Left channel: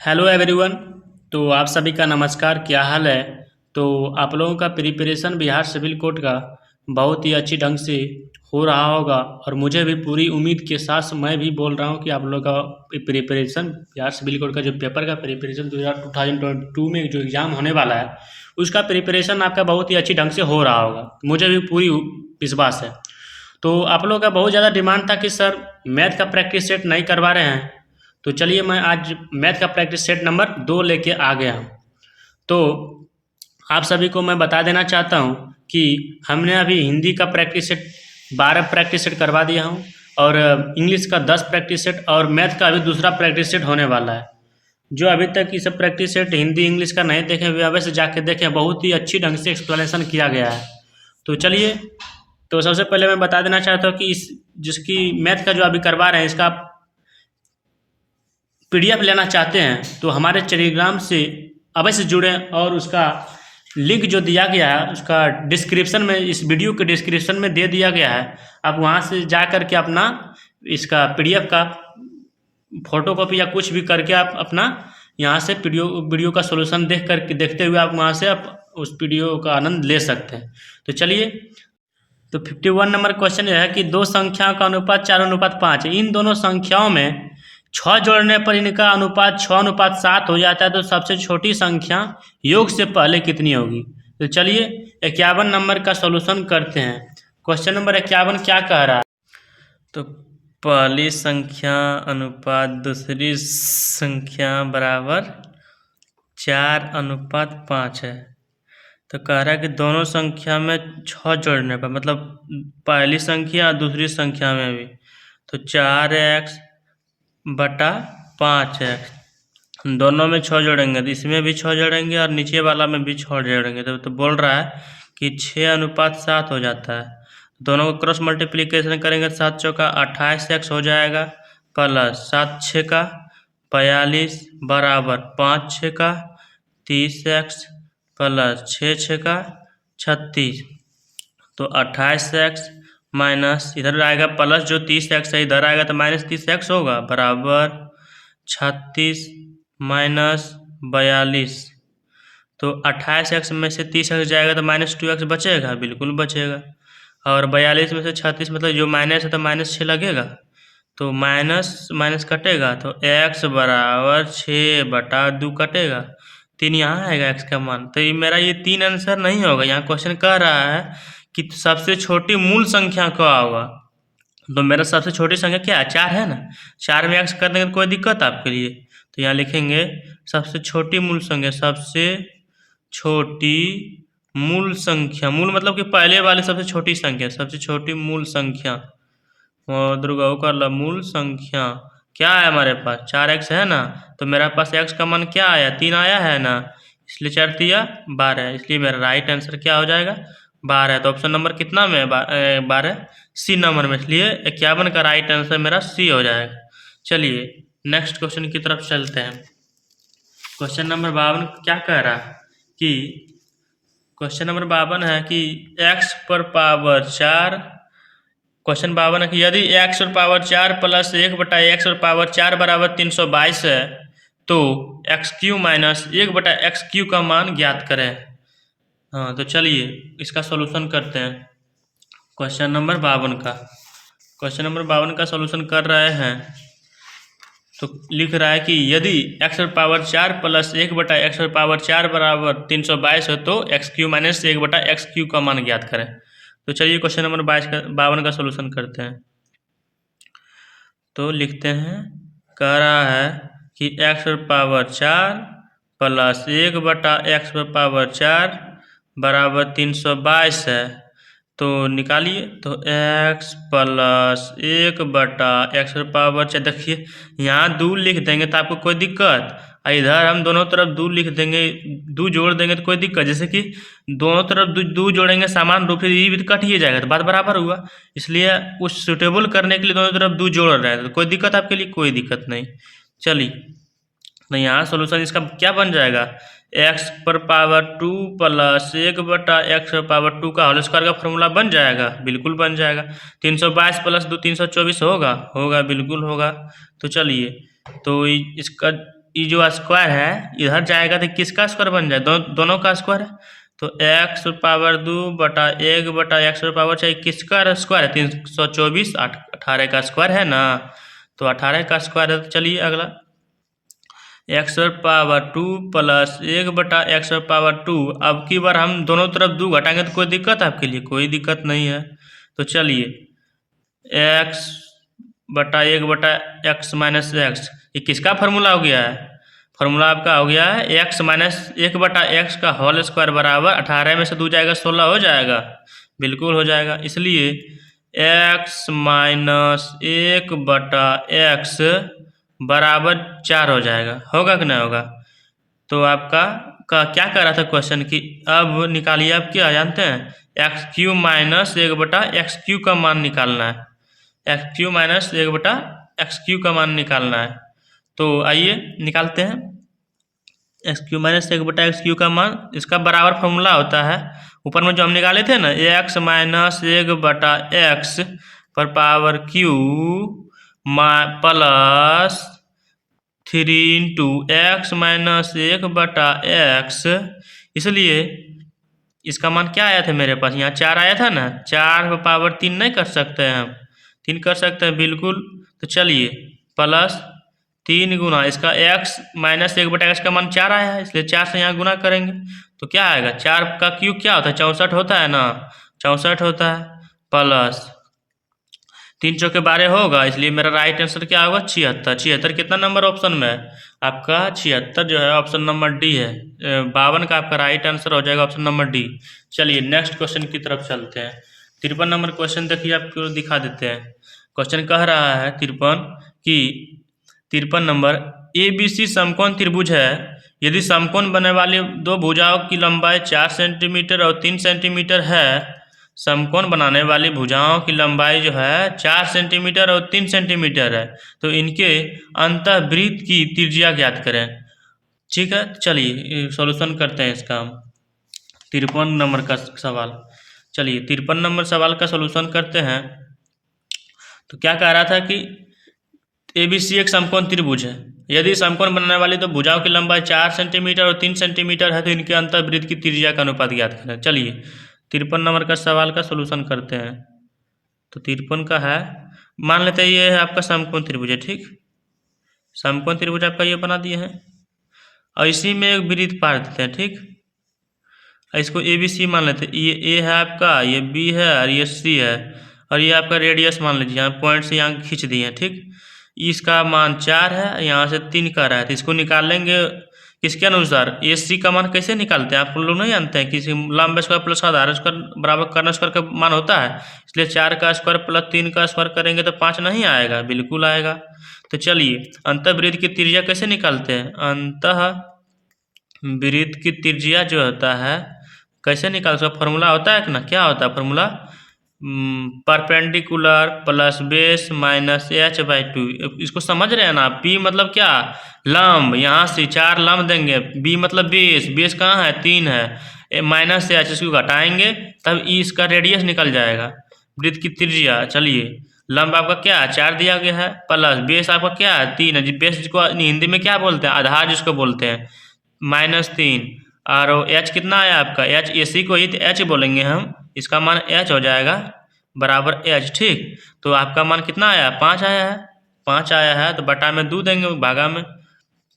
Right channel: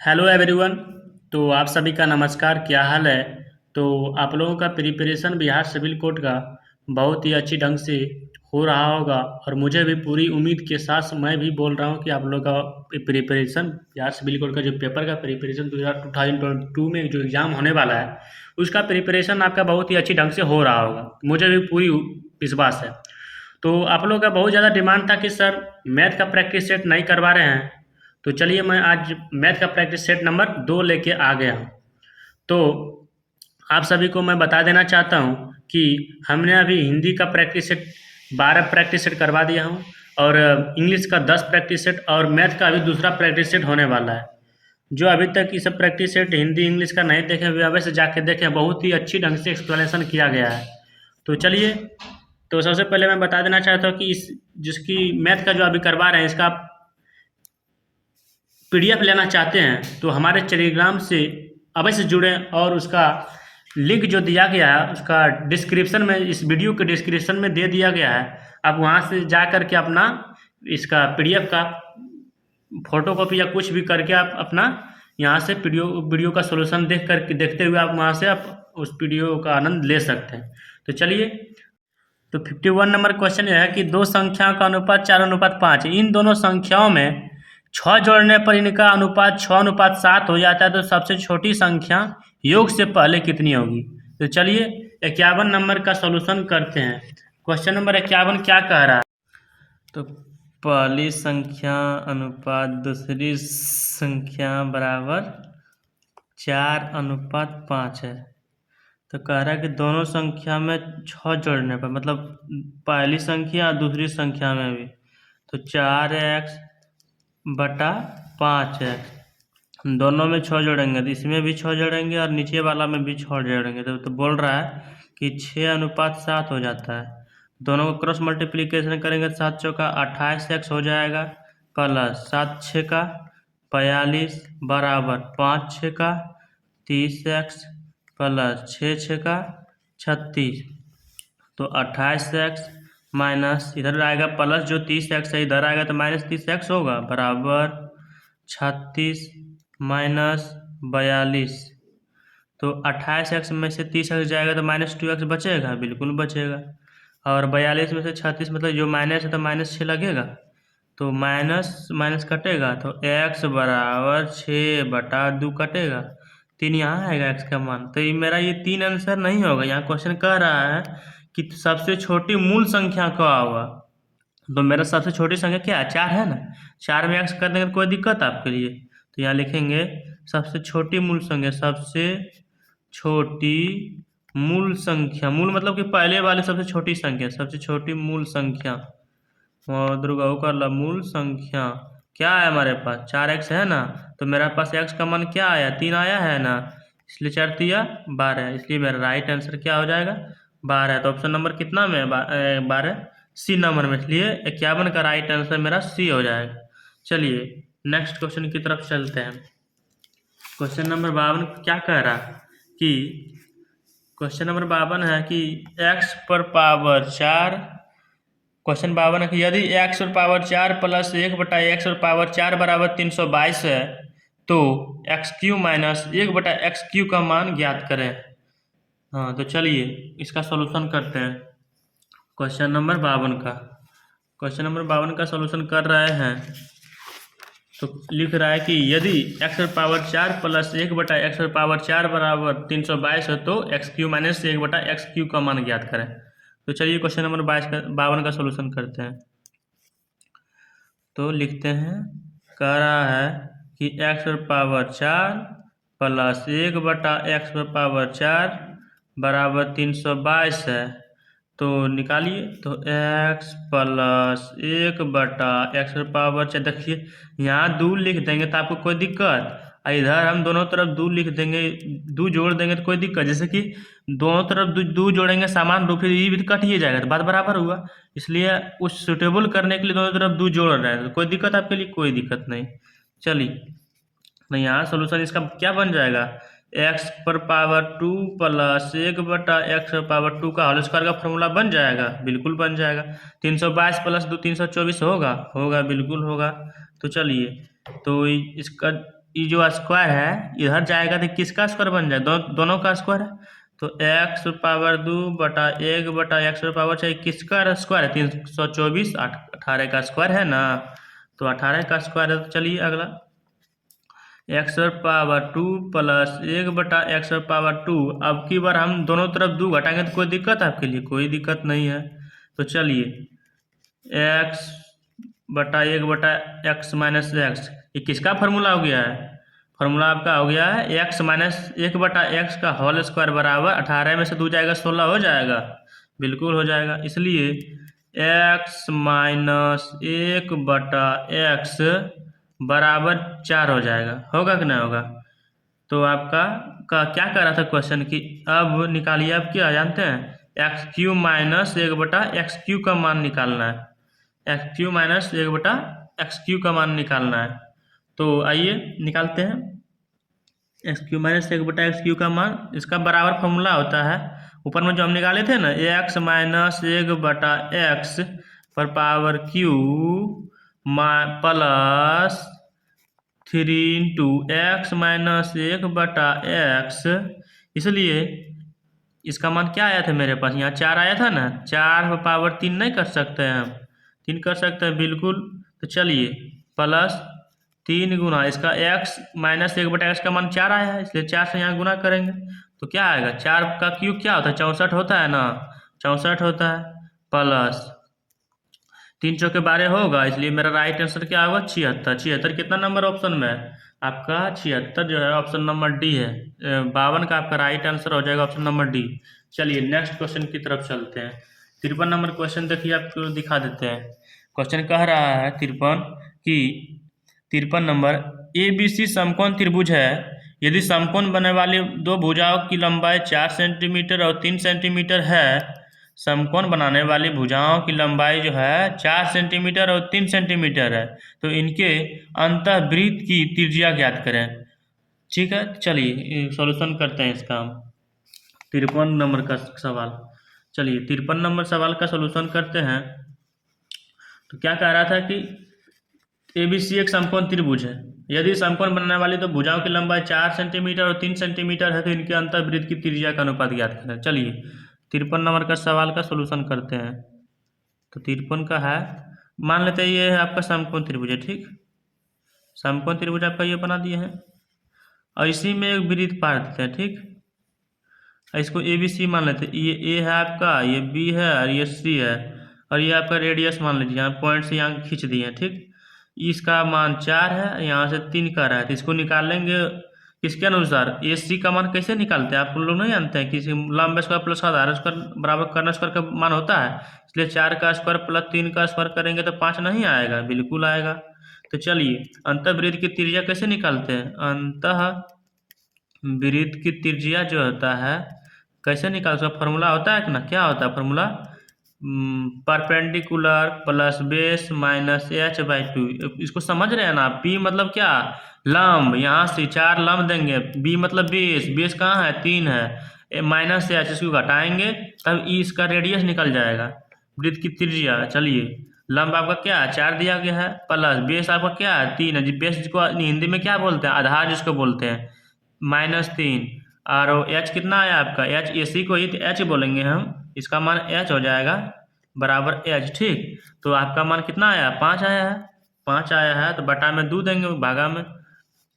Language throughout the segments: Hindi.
Hello everyone. तो आप सभी का नमस्कार, क्या हाल है। तो आप लोगों का प्रिपरेशन बिहार सिविल कोड का बहुत ही अच्छी ढंग से हो रहा होगा और मुझे भी पूरी उम्मीद के साथ मैं भी बोल रहा हूँ कि आप लोगों का प्रिपरेशन बिहार सिविल कोड का जो पेपर का प्रिपरेशन 2022 में जो एग्ज़ाम होने वाला है उसका प्रिपरेशन आपका बहुत ही अच्छी ढंग से हो रहा होगा, मुझे भी पूरी विश्वास है। तो आप लोगों का बहुत ज़्यादा डिमांड था कि सर मैथ का प्रैक्टिस सेट नहीं करवा रहे हैं, तो चलिए मैं आज मैथ का प्रैक्टिस सेट नंबर 2 लेके आ गया हूँ। तो आप सभी को मैं बता देना चाहता हूँ कि हमने अभी हिंदी का प्रैक्टिस सेट 12 प्रैक्टिस सेट करवा दिया हूँ और इंग्लिश का 10 प्रैक्टिस सेट और मैथ का अभी दूसरा प्रैक्टिस सेट होने वाला है। जो अभी तक ये सब प्रैक्टिस सेट हिंदी इंग्लिश का नहीं देखे हुए अवश्य जाके देखें, बहुत ही अच्छी ढंग से एक्सप्लेनेशन किया गया है। तो चलिए, तो सबसे पहले मैं बता देना चाहता हूँ कि इस जिसकी मैथ का जो अभी करवा रहे हैं इसका पीडीएफ लेना चाहते हैं तो हमारे टेलीग्राम से अवश्य जुड़ें और उसका लिंक जो दिया गया है उसका डिस्क्रिप्शन में, इस वीडियो के डिस्क्रिप्शन में दे दिया गया है। आप वहाँ से जा कर के अपना इसका पीडीएफ का फोटोकॉपी या कुछ भी करके आप अपना यहाँ से वीडियो का सॉल्यूशन देख कर के देखते हुए आप वहाँ से आप उस वीडियो का आनंद ले सकते हैं। तो चलिए, तो 51 नंबर क्वेश्चन यह है कि दो संख्याओं का अनुपात 4:5 है। इन दोनों संख्याओं में 6 जोड़ने पर इनका अनुपात 6:7 हो जाता है, तो सबसे छोटी संख्या योग से पहले कितनी होगी। तो चलिए 51 नंबर का सॉल्यूशन करते हैं। क्वेश्चन नंबर 51 क्या कह रहा है। तो पहली संख्या अनुपात दूसरी संख्या बराबर 4:5 है। तो कह रहा है कि दोनों संख्या में 6 जोड़ने पर, मतलब पहली संख्या और दूसरी संख्या में भी, तो 4x/5x दोनों में 6 जोड़ेंगे तो इसमें भी 6 जोड़ेंगे और नीचे वाला में भी 6 जोड़ेंगे तो बोल रहा है कि 6:7 हो जाता है। दोनों को क्रॉस मल्टीप्लिकेशन करेंगे, 7 चौका 28x हो जाएगा, प्लस 7 छक्का 42 बराबर 5 छक्का 30x प्लस 6 छक्का 36। तो 28x माइनस इधर आएगा प्लस, जो 30x है इधर आएगा तो माइनस 30x होगा, बराबर 36 माइनस 42। तो 28x में से 30x जाएगा तो -2x बचेगा, बिल्कुल बचेगा। और 42 में से 36, मतलब जो माइनस है तो -6 लगेगा, तो माइनस माइनस कटेगा तो x बराबर 6/2 कटेगा। 3 यहाँ आएगा x का मान। तो ये मेरा ये 3 आंसर नहीं होगा। यहाँ क्वेश्चन कह रहा है कि सबसे छोटी मूल संख्या क्या होगा। तो मेरा सबसे छोटी संख्या क्या है, 4 है ना। 4 में x कर देंगे तो कोई दिक्कत आपके लिए। तो यहाँ लिखेंगे सबसे छोटी मूल संख्या, सबसे छोटी मूल संख्या, मूल मतलब कि पहले वाली सबसे छोटी संख्या, सबसे छोटी मूल संख्या दुर्गा कर ला। मूल संख्या क्या है हमारे पास, 4x है ना। तो मेरे पास x का मान क्या आया, 3 आया है ना, इसलिए 4 तिया 12, इसलिए मेरा राइट आंसर क्या हो जाएगा, 12। तो ऑप्शन नंबर कितना में है, 12 सी नंबर में, इसलिए 51 का राइट आंसर मेरा सी हो जाएगा। चलिए नेक्स्ट क्वेश्चन की तरफ चलते हैं। क्वेश्चन नंबर 52 क्या कह रहा है कि क्वेश्चन नंबर 52 है कि x पर पावर 4, क्वेश्चन 52 है कि यदि x और पावर 4 प्लस 1/x और पावर 4 बराबर 322 है तो x³ माइनस 1/x³ का मान ज्ञात करें। हाँ, तो चलिए इसका सॉल्यूशन करते हैं। क्वेश्चन नंबर 52 का सॉल्यूशन कर रहे हैं। तो लिख रहा है कि यदि x और पावर 4 प्लस 1/x और पावर 4 बराबर 322 है तो x³ माइनस 1/x³ का मान ज्ञात करें। तो चलिए क्वेश्चन नंबर 52 का सॉल्यूशन करते हैं। तो लिखते हैं, कह रहा है कि x और पावर 4 प्लस 1/x और पावर 4 बराबर 322 है। तो निकालिए, तो x प्लस 1/x और पावर 4, देखिए यहाँ 2 लिख देंगे तो आपको कोई दिक्कत, इधर हम दोनों तरफ 2 लिख देंगे, 2 जोड़ देंगे तो कोई दिक्कत। जैसे कि दोनों तरफ 2 जोड़ेंगे समान रूप से, ये भी कट ही जाएगा तो बात बराबर हुआ। इसलिए उस सुटेबल करने के लिए दोनों तरफ 2 जोड़ रहे हैं, तो कोई दिक्कत आपके लिए, कोई दिक्कत नहीं। चलिए, तो यहाँ सोल्यूशन इसका क्या बन जाएगा, x पर पावर 2 प्लस 1/x पर पावर 2 का होल स्क्वायर का फॉर्मूला बन जाएगा, बिल्कुल बन जाएगा। 322 प्लस 2 324 होगा, बिल्कुल होगा। तो चलिए, तो इसका ये जो स्क्वायर है इधर जाएगा तो किसका स्क्वायर बन जाए, दोनों का स्क्वायर है। तो x पावर 2 बटा 1 बटा x पावर चाहिए किसका स्क्वायर है, 324, 18 का स्क्वायर है ना। तो 18 का स्क्वायर है। तो चलिए अगला x पावर 2 प्लस 1 बटा x पावर 2। अब की बार हम दोनों तरफ 2 घटाएंगे तो कोई दिक्कत है आपके लिए, कोई दिक्कत नहीं है। तो चलिए x बटा 1 बटा x माइनस एक्स, ये किसका फार्मूला हो गया है, फार्मूला आपका हो गया है x माइनस 1 बटा एक्स का होल स्क्वायर बराबर 18 में से 2 जाएगा 16 हो जाएगा, बिल्कुल हो जाएगा। इसलिए x माइनस 1 बटा एक्स बराबर 4 हो जाएगा, होगा कि नहीं होगा। तो आपका क्या कर रहा था क्वेश्चन की, अब निकालिए आप क्या जानते हैं, एक्स क्यू माइनस 1 बटा एक्स क्यू का मान निकालना है, एक्स क्यू माइनस 1 बटा एक्स क्यू का मान निकालना है। तो आइए निकालते हैं एक्स क्यू माइनस 1 बटा एक्स क्यू का मान, इसका बराबर फॉर्मूला होता है ऊपर में जो हम निकाले थे ना, एक्स माइनस 1 बटा एक्स पर power Q plus 3 into x minus 1 बटा एक्स। इसलिए इसका मान क्या आया था मेरे पास, यहाँ 4 आया था ना, 4 पर पावर 3 नहीं कर सकते हैं हम, 3 कर सकते हैं बिल्कुल। तो चलिए प्लस 3 गुना इसका x माइनस 1 बटा एक्स का मान 4 आया है, इसलिए 4 से यहाँ गुना करेंगे तो क्या आएगा, 4 का क्यूब क्या होता है 64 होता है ना, 64 होता है, प्लस 3 चौके 12 होगा, इसलिए मेरा राइट आंसर क्या होगा 76। 76 कितना नंबर ऑप्शन में है आपका, 76 जो है ऑप्शन नंबर डी है, 52 का आपका राइट आंसर हो जाएगा ऑप्शन नंबर डी। चलिए नेक्स्ट क्वेश्चन की तरफ चलते हैं। 53 नंबर क्वेश्चन देखिए आपको दिखा देते हैं। क्वेश्चन कह रहा है 53 नंबर, ए बी सी समकोण त्रिभुज है, यदि समकोण बनने वाली दो भुजाओं की लंबाई 4 सेंटीमीटर और 3 सेंटीमीटर है, समकोण बनाने वाली भुजाओं की लंबाई जो है 4 सेंटीमीटर और 3 सेंटीमीटर है, तो इनके अंतःवृत्त की त्रिज्या ज्ञात करें। ठीक है, चलिए सॉल्यूशन करते हैं इसका हम 53 नंबर का सवाल। चलिए 53 नंबर सवाल का सॉल्यूशन करते हैं। तो क्या कह रहा था कि ए बी सी एक समकोण त्रिभुज है, यदि समकोण बनाने वाली तो भुजाओं की लंबाई 4 सेंटीमीटर और 3 सेंटीमीटर है, तो इनके अंतःवृत्त की त्रिज्या का अनुपात ज्ञात करें। चलिए 53 नंबर का सवाल का सॉल्यूशन करते हैं। तो 53 का है, मान लेते हैं ये है आपका समकोण त्रिभुज है, ठीक, समकोण त्रिभुज आपका ये बना दिए हैं और इसी में एक वृत्त पार देते हैं, ठीक, इसको ए बी सी मान लेते हैं, ये ए है आपका, ये बी है और ये सी है, और ये आपका रेडियस मान लीजिए, यहाँ पॉइंट से यहाँ खींच दिए हैं, ठीक। इसका मान 4 है, यहाँ से 3 का रहा है, तो इसको निकाल लेंगे किसके अनुसार, ए सी का मान कैसे निकालते हैं आप लोग नहीं जानते हैं, किसी लंब स्क्वायर प्लस आधार स्क्वायर बराबर कर्ण स्क्वायर का मान होता है, इसलिए 4 का स्क्वायर प्लस 3 का स्क्वायर करेंगे तो 5 नहीं आएगा, बिल्कुल आएगा। तो चलिए अंतःवृत्त की त्रिज्या कैसे निकालते हैं, अंतःवृत्त की त्रिज्या जो होता है कैसे निकाल सकते, फॉर्मूला होता है ना, क्या होता है formula, perpendicular plus base minus h by 2। इसको समझ रहे हैं ना, p मतलब क्या, लंब, यहाँ से 4 लंब देंगे, b मतलब बेस, बेस कहाँ है 3 है, माइनस h, इसको घटाएंगे तब इसका रेडियस निकल जाएगा, वृत्त की त्रिज्या। चलिए लंब आपका क्या है 4 दिया गया है, प्लस बेस आपका क्या है 3 है, बेस जिसको हिंदी में क्या बोलते हैं, आधार जिसको बोलते हैं, -3, और h कितना आया आपका, h ए सी को ही h बोलेंगे हम, इसका मान h हो जाएगा बराबर h, ठीक। तो आपका मान कितना आया 5 आया है, 5 आया है, तो बटा में 2 देंगे भागा में।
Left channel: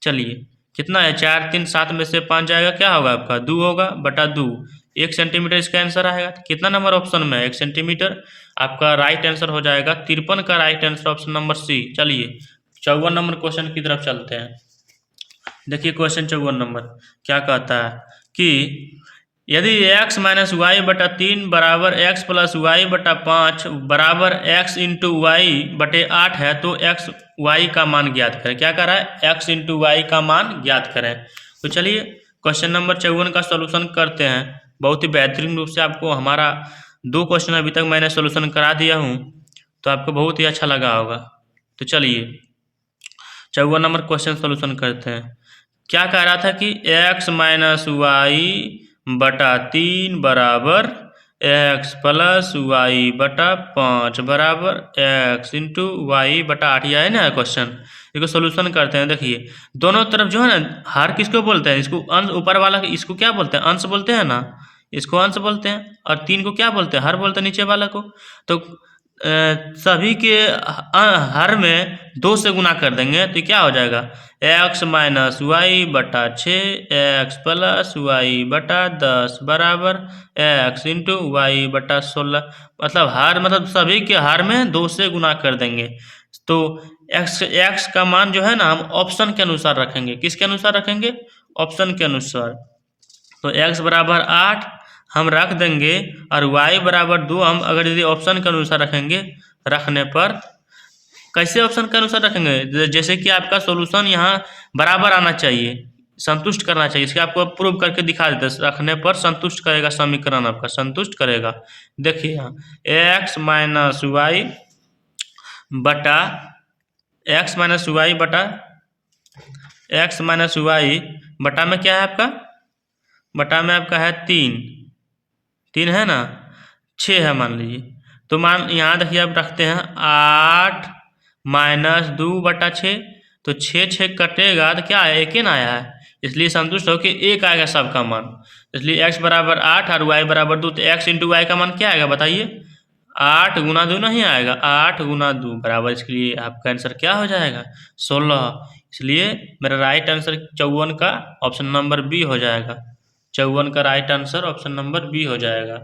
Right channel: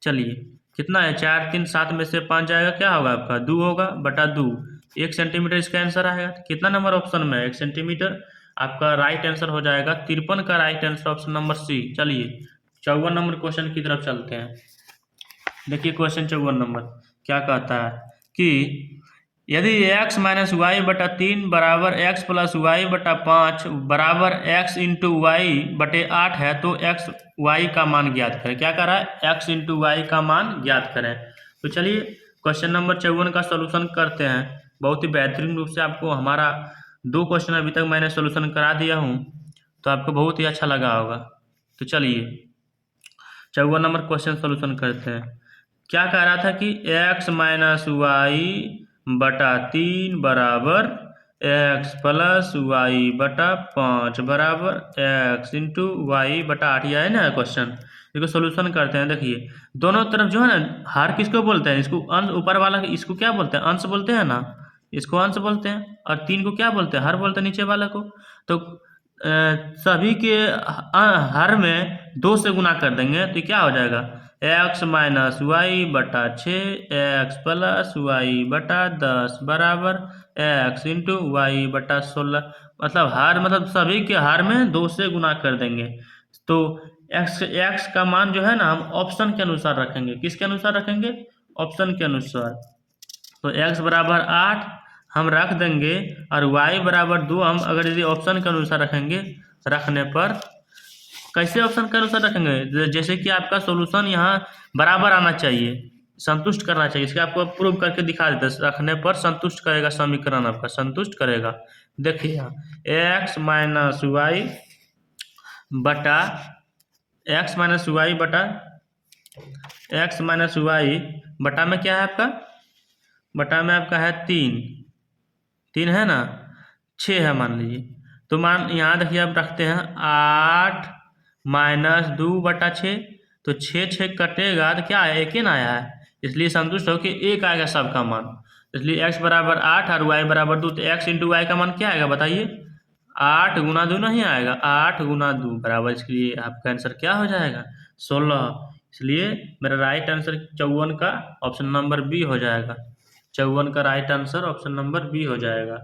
चलिए कितना है 4 3 7 में से 5 जाएगा, क्या होगा आपका 2 होगा, बटा 2, 1 सेंटीमीटर इसका आंसर आएगा। तो कितना नंबर ऑप्शन में 1 सेंटीमीटर, आपका राइट आंसर हो जाएगा 53 का right answer option number C. चलिए 54 नंबर क्वेश्चन की तरफ चलते हैं। देखिए क्वेश्चन 54 नंबर क्या कहता है कि यदि x माइनस वाई बटा 3 बराबर x प्लस वाई बटा 5 बराबर x इंटू वाई बटे 8 है, तो x y का मान ज्ञात करें। क्या कर रहा है, x इंटू वाई का मान ज्ञात करें। तो चलिए क्वेश्चन नंबर 54 का सॉल्यूशन करते हैं। बहुत ही बेहतरीन रूप से आपको हमारा 2 क्वेश्चन अभी तक मैंने सॉल्यूशन करा दिया हूँ, तो आपको बहुत ही अच्छा लगा होगा। तो चलिए 54 नंबर क्वेश्चन सॉल्यूशन करते हैं। क्या कह रहा था कि x माइनस वाई बटा 3 बराबर x प्लस वाई बटा 5 बराबर x इंटू वाई बटा 8, यह है ना क्वेश्चन, इसको सोल्यूशन करते हैं। देखिए दोनों तरफ जो है ना, हर किसको बोलते हैं, इसको अंश, ऊपर वाला इसको क्या बोलते हैं, अंश बोलते हैं ना, इसको अंश बोलते हैं। और 3 को क्या बोलते हैं, हर बोलते हैं नीचे वाला को। तो सभी के हर में 2 से गुना कर देंगे तो क्या हो जाएगा, x माइनस वाई बटा 6 एक्स प्लस वाई बटा 10 बराबर x इंटू वाई बटा 16। मतलब सभी के हर में 2 से गुना कर देंगे। तो x का मान जो है ना हम ऑप्शन के अनुसार रखेंगे। किसके अनुसार रखेंगे, ऑप्शन के अनुसार। तो x बराबर 8 हम रख देंगे और y बराबर 2 हम अगर यदि ऑप्शन के अनुसार रखेंगे, रखने पर कैसे ऑप्शन के अनुसार रखेंगे, जैसे कि आपका सॉल्यूशन यहाँ बराबर आना चाहिए, संतुष्ट करना चाहिए। इसके आपको प्रूव करके दिखा देते हैं। रखने पर संतुष्ट करेगा, समीकरण आपका संतुष्ट करेगा। देखिए यहाँ x माइनस वाई बटा x माइनस वाई बटा में क्या है आपका, बटा में आपका है 3 है ना, 6 है मान लीजिए। तो मान यहाँ देखिए आप रखते हैं 8 माइनस 2 बटा 6, तो 6 कटेगा तो क्या आया, 1 ही ना आया है, इसलिए संतुष्ट हो कि 1 आएगा सबका मान। इसलिए x बराबर 8 और y बराबर 2, तो x इंटू वाई का मान क्या आएगा बताइए, 8 गुना 2 नहीं आएगा, 8 गुना 2 बराबर, इसके लिए आपका आंसर क्या हो जाएगा, 16। इसलिए मेरा राइट आंसर 54 का ऑप्शन नंबर बी हो जाएगा। 54 का right answer option number B हो जाएगा।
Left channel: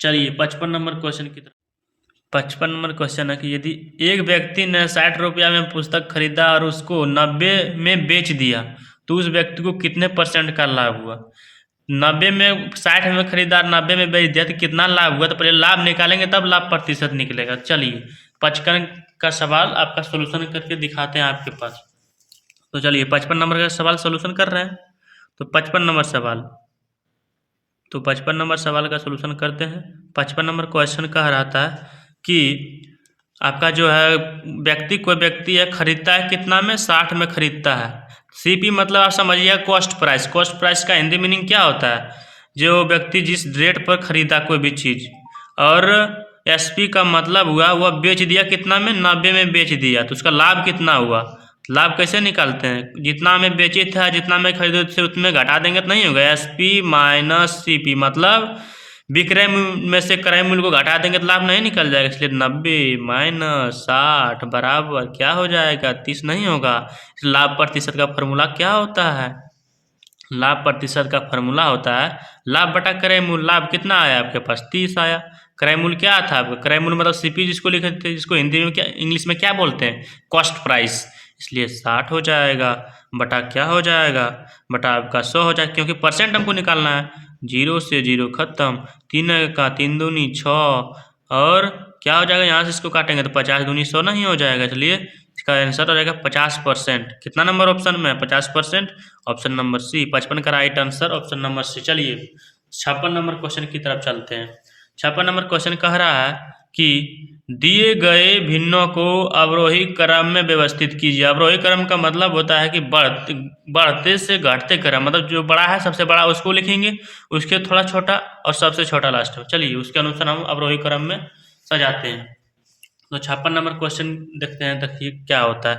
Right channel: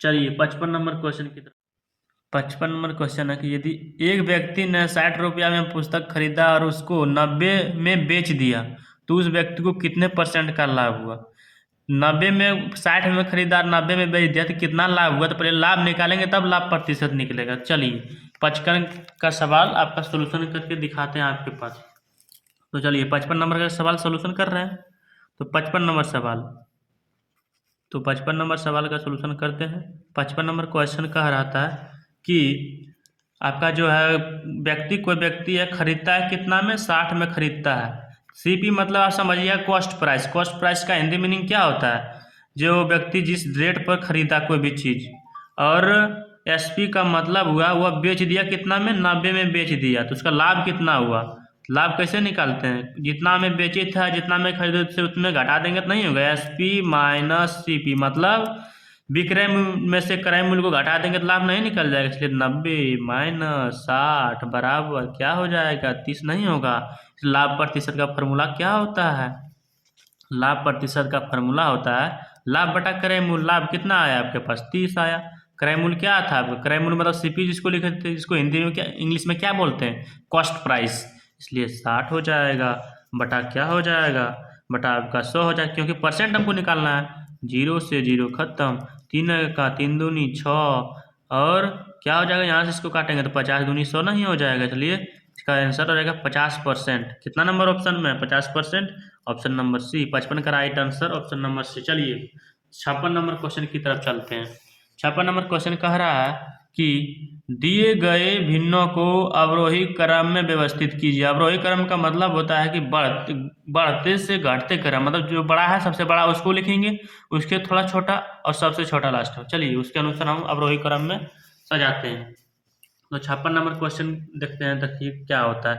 चलिए 55 नंबर क्वेश्चन की तरफ। 55 नंबर क्वेश्चन है कि यदि एक व्यक्ति ने 60 रुपया में पुस्तक खरीदा और उसको 90 में बेच दिया, तो उस व्यक्ति को कितने % का लाभ हुआ। 90 में 60 में खरीदा, 90 में बेच दिया, तो कितना लाभ हुआ, तो पहले लाभ निकालेंगे तब लाभ प्रतिशत निकलेगा। चलिए 55 का सवाल आपका सोल्यूशन करके दिखाते हैं आपके पास। तो चलिए 55 नंबर का सवाल सोल्यूशन कर रहे हैं। तो 55 नंबर सवाल का सोल्यूशन करते हैं। 55 नंबर क्वेश्चन कह रहा था कि आपका जो है कोई व्यक्ति है, खरीदता है कितना में, 60 में खरीदता है। CP मतलब आप समझिए कॉस्ट प्राइस का हिंदी मीनिंग क्या होता है, जो व्यक्ति जिस रेट पर खरीदा कोई भी चीज़। और SP का मतलब हुआ वह बेच दिया कितना में, 90 में बेच दिया, तो उसका लाभ कितना हुआ। लाभ कैसे निकालते हैं, जितना में बेचे थे जितना में खरीदे थे उतने घटा देंगे तो नहीं होगा, SP माइनस CP मतलब विक्रय में से क्रय मूल्य को घटा देंगे तो लाभ नहीं निकल जाएगा। इसलिए 90 माइनस 60 बराबर क्या हो जाएगा, 30 नहीं होगा। लाभ प्रतिशत का फॉर्मूला क्या होता है, लाभ प्रतिशत का फॉर्मूला होता है लाभ बटा क्रय मूल्य। लाभ कितना आया आपके पास, 30 आया। क्रय मूल्य क्या था आपका, क्रय मूल्य मतलब CP जिसको लिखे थे, जिसको हिंदी में क्या, इंग्लिश में क्या बोलते हैं, कॉस्ट प्राइस। इसलिए 60 हो जाएगा बटा क्या हो जाएगा, बटा आपका 100 हो जाएगा, क्योंकि परसेंट हमको निकालना है। 0 से 0 खत्म, 3 का 3 दूनी 6, और क्या हो जाएगा, यहाँ से इसको काटेंगे तो 50 दूनी 100 नहीं हो जाएगा। इसलिए इसका आंसर हो जाएगा 50%। कितना नंबर ऑप्शन में, 50%, ऑप्शन नंबर सी। 55 का right answer option number C. चलिए 56 नंबर क्वेश्चन की तरफ चलते हैं। 56 नंबर क्वेश्चन कह रहा है कि दिए गए भिन्नों को अवरोही क्रम में व्यवस्थित कीजिए। अवरोही क्रम का मतलब होता है कि बढ़ते से घटते क्रम, मतलब जो बड़ा है सबसे बड़ा उसको लिखेंगे, उसके थोड़ा छोटा और सबसे छोटा लास्ट में। चलिए उसके अनुसार हम अवरोही क्रम में सजाते हैं। तो 56 नंबर क्वेश्चन देखते हैं, देखिए क्या होता है।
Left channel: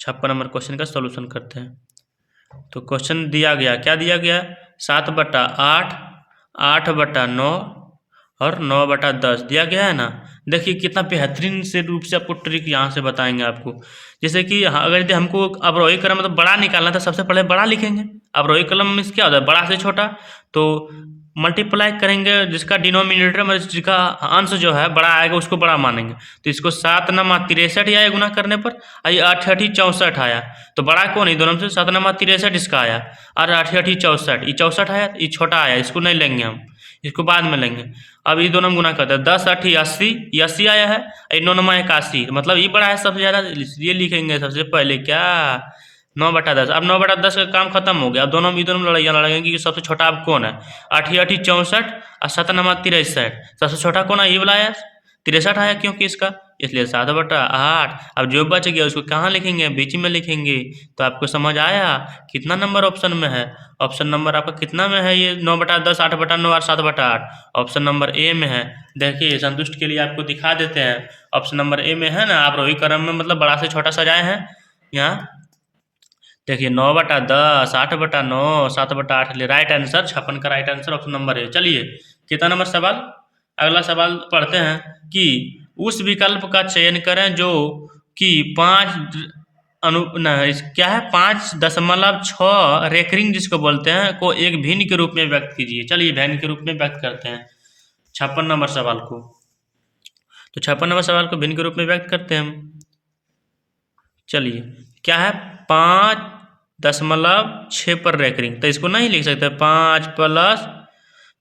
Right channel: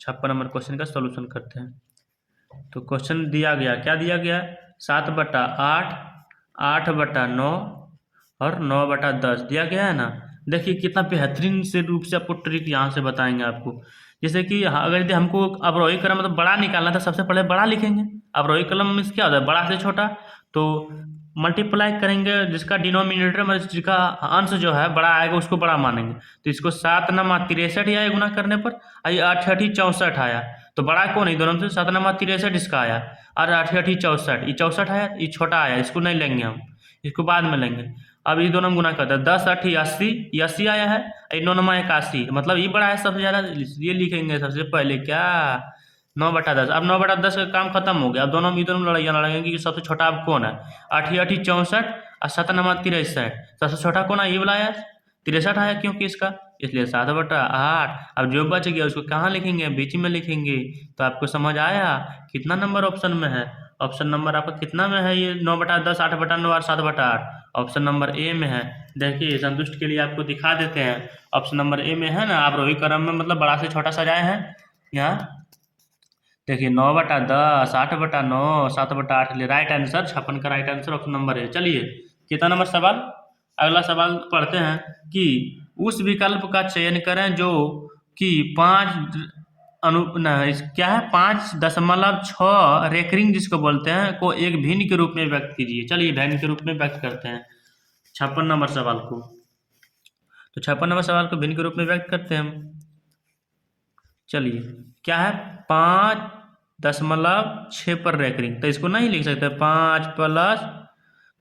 56 नंबर क्वेश्चन का सॉल्यूशन करते हैं। तो क्वेश्चन दिया गया, क्या दिया गया, 7/8, 8/9 और 9/10 दिया गया है ना। देखिए कितना बेहतरीन से रूप से आपको ट्रिक यहाँ से बताएंगे आपको। जैसे कि अगर यदि हमको अवरोही क्रम मतलब बड़ा निकालना था, सबसे पहले बड़ा लिखेंगे। अवरोही क्रम में क्या होता है, बड़ा से छोटा, तो मल्टीप्लाई करेंगे, जिसका डिनोमिनेटर में जिसका अंश जो है बड़ा आएगा उसको बड़ा मानेंगे। तो इसको 7 9 63 आया गुना करने पर, ये 8 8 64 आया, तो बड़ा कौन है दोनों में से, 7 9 63 इसका आया, और 8 8 64, ये 64 आया, ये छोटा आया, इसको नहीं लेंगे हम, इसको बाद में लेंगे। अब ये दोनों गुना करते हैं, 10 8 80, 80 आया है, 9 9 81, मतलब ये बड़ा है सबसे ज़्यादा, इसलिए लिखेंगे सबसे पहले क्या, 9/10। अब 9/10 का काम खत्म हो गया। अब दोनों लड़ाइयाँ लड़ेंगे कि सबसे छोटा अब कौन है, 8 8 64 और 7 9 63, सबसे छोटा कौन है, ये वाला आया, 63 आया क्योंकि इसका, इसलिए 7/8। अब जो बच गया उसको कहाँ लिखेंगे, बीच में लिखेंगे। तो आपको समझ आया कितना नंबर ऑप्शन में है, ऑप्शन नंबर आपका कितना में है ये? 9/10, 8/9 और 7/8 ऑप्शन नंबर ए में है। देखिए संतुष्ट के लिए आपको दिखा देते हैं, ऑप्शन नंबर ए में है ना। आप रोही क्रम में मतलब बड़ा से छोटा सजाए हैं यहाँ। देखिए 9/10, 8/9, 7/8 लिए राइट आंसर 56 का right answer option number A. चलिए कितना नंबर सवाल, अगला सवाल पढ़ते हैं कि उस विकल्प का चयन करें जो कि 5.6 रेकरिंग जिसको बोलते हैं को एक भिन्न के रूप में व्यक्त कीजिए। चलिए भिन्न के रूप में व्यक्त करते हैं 56 नंबर सवाल को। तो 56 नंबर सवाल को भिन्न के रूप में व्यक्त करते हैं हम। चलिए क्या है, 5.6 पर रेकरिंग, तो इसको नहीं लिख सकते 5 +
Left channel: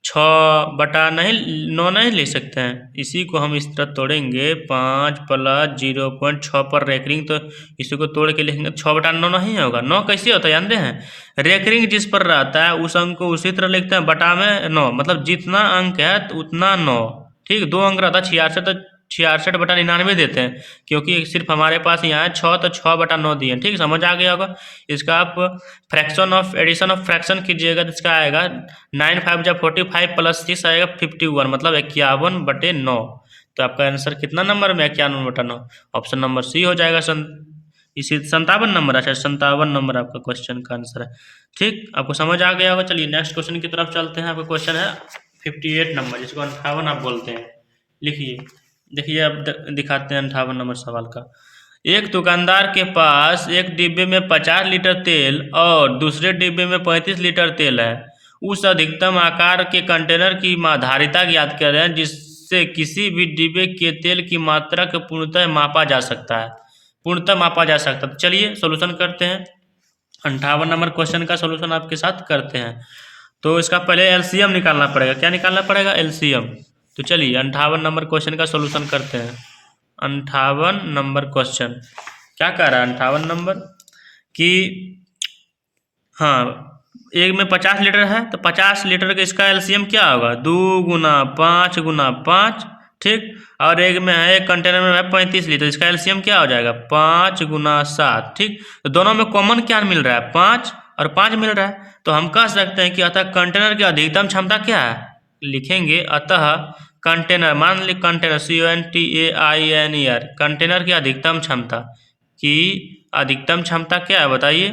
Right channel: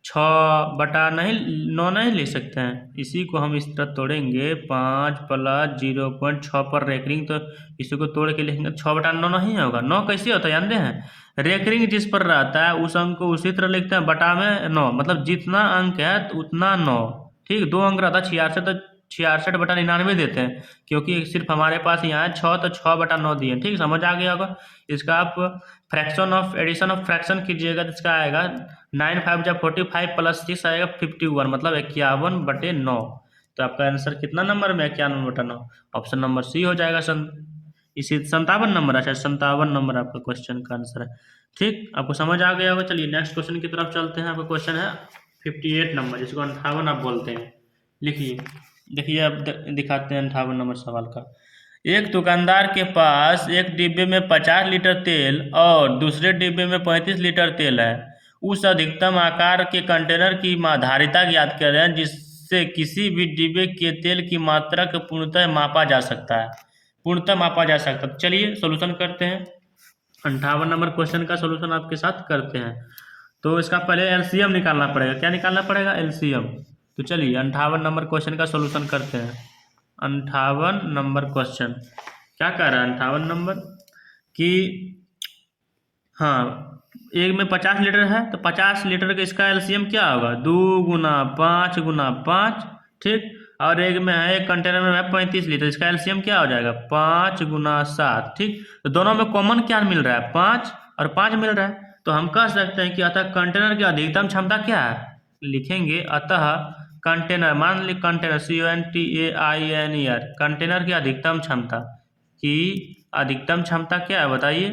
6 नहीं 9 नहीं लिख सकते हैं। इसी को हम इस तरह तोड़ेंगे 5 + 0.6 पर रेकरिंग, तो इसी को तोड़ के लिखेंगे 6/9 नहीं होगा। 9 कैसे होता है जानते हैं, रेकरिंग जिस पर रहता है उस अंक को उसी तरह लिखते हैं बटा में 9, मतलब जितना अंक है उतना 9। ठीक, 2 अंक रहता है 66, तो 66/99 देते हैं, क्योंकि सिर्फ हमारे पास यहाँ है 6, तो 6/9 दिए। ठीक, समझ आ गया होगा। इसका आप fraction of addition of fraction कीजिएगा तो इसका आएगा 9 5 × 45 + 6 आएगा 51, मतलब 51/9। तो आपका आंसर कितना नंबर में, 51/9, ऑप्शन नंबर सी हो जाएगा। इसी 57 नंबर, अच्छा 57 नंबर आपका क्वेश्चन का आंसर है। ठीक, आपको समझ आ गया होगा। चलिए नेक्स्ट क्वेश्चन की तरफ चलते हैं। आपका क्वेश्चन है 58 नंबर, जिसको 58 आप बोलते हैं। लिखिए, देखिए अब दिखाते हैं 58 नंबर सवाल का। एक दुकानदार के पास एक डिब्बे में 50 लीटर तेल और दूसरे डिब्बे में 35 लीटर तेल है। उस अधिकतम आकार के कंटेनर की धारिता ज्ञात करें जिससे किसी भी डिब्बे के तेल की मात्रा को पूर्णतः मापा जा सकता है। तो चलिए सोल्यूशन करते हैं। 58 नंबर क्वेश्चन का सोल्यूशन आपके साथ करते हैं। तो इसका पहले एलसीएम निकालना पड़ेगा। क्या निकालना पड़ेगा? एलसीएम। तो चलिए 58 नंबर क्वेश्चन का सोल्यूशन करते हैं। 58 नंबर क्वेश्चन क्या कह रहा है? 58 नंबर कि हाँ, एक में 50 लीटर है तो 50 लीटर का इसका एलसीएम क्या होगा? 2 × 5 × 5। ठीक, और एक में है, एक कंटेनर में है 35 लीटर, इसका एलसीएम क्या हो जाएगा? 5 × 7। ठीक, तो दोनों में कॉमन क्या मिल रहा है? 5 और 5 मिल रहा है। तो हम कह सकते हैं कि अतः कंटेनर की अधिकतम क्षमता क्या है? लिखेंगे अतः कंटेनर, मान ली कंटेनर CONTAINER, कंटेनर की अधिकतम क्षमता क्या है बताइए?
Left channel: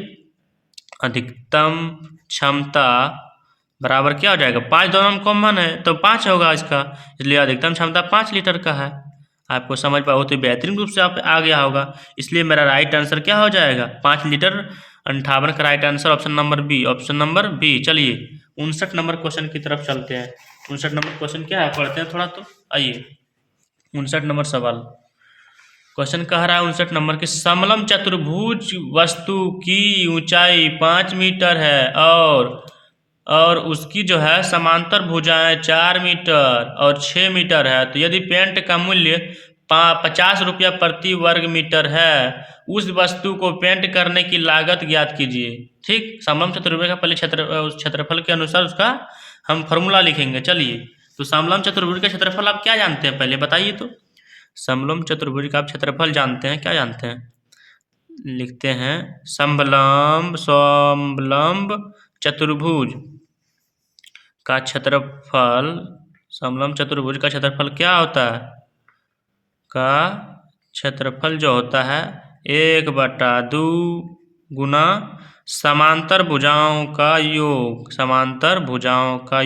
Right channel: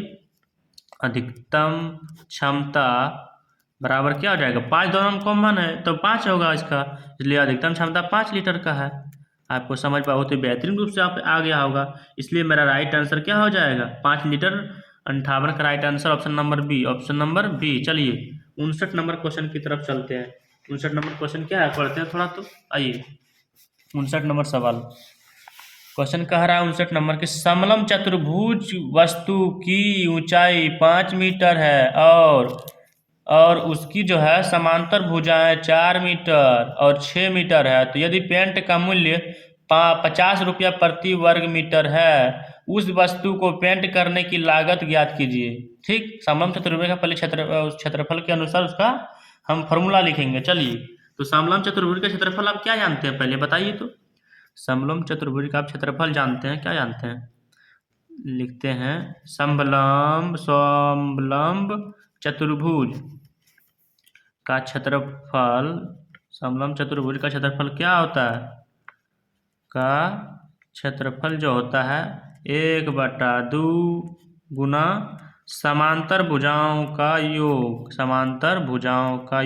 अधिकतम क्षमता बराबर क्या हो जाएगा? 5, दोनों में कॉमन है तो 5 होगा इसका, इसलिए अधिकतम क्षमता 5 लीटर का है। आपको समझ पाओ तो बेहतरीन रूप से आप आ गया होगा, इसलिए मेरा राइट आंसर क्या हो जाएगा? 5 लीटर। 58 का right answer option number B, option number B. चलिए 59 नंबर क्वेश्चन की तरफ चलते हैं। 59 नंबर क्वेश्चन क्या है, पढ़ते हैं थोड़ा। तो आइए 59 नंबर सवाल। क्वेश्चन कह रहा है 59 नंबर के, समलम चतुर्भुज वस्तु की ऊंचाई 5 मीटर है और उसकी जो है समांतर भुजाएं 4 मीटर और 6 मीटर है। तो यदि पेंट का मूल्य 50 रुपया प्रति वर्ग मीटर है, उस वस्तु को पेंट करने की लागत ज्ञात कीजिए। ठीक, समलम चतुर्भुज का पहले क्षेत्रफल के अनुसार उसका हम फॉर्मूला लिखेंगे। चलिए, तो समलम चतुर्भुज का क्षेत्रफल आप क्या जानते हैं पहले बताइए? तो समलम चतुर्भुज का आप क्षेत्रफल जानते हैं, क्या जानते हैं? लिखते हैं समलम्ब चतुर्भुज का क्षेत्रफल, समलम्ब चतुर्भुज का क्षेत्रफल क्या होता है? का क्षेत्रफल जो होता है 1/2 गुना समांतर भुजाओं का योग, समांतर भुजाओं का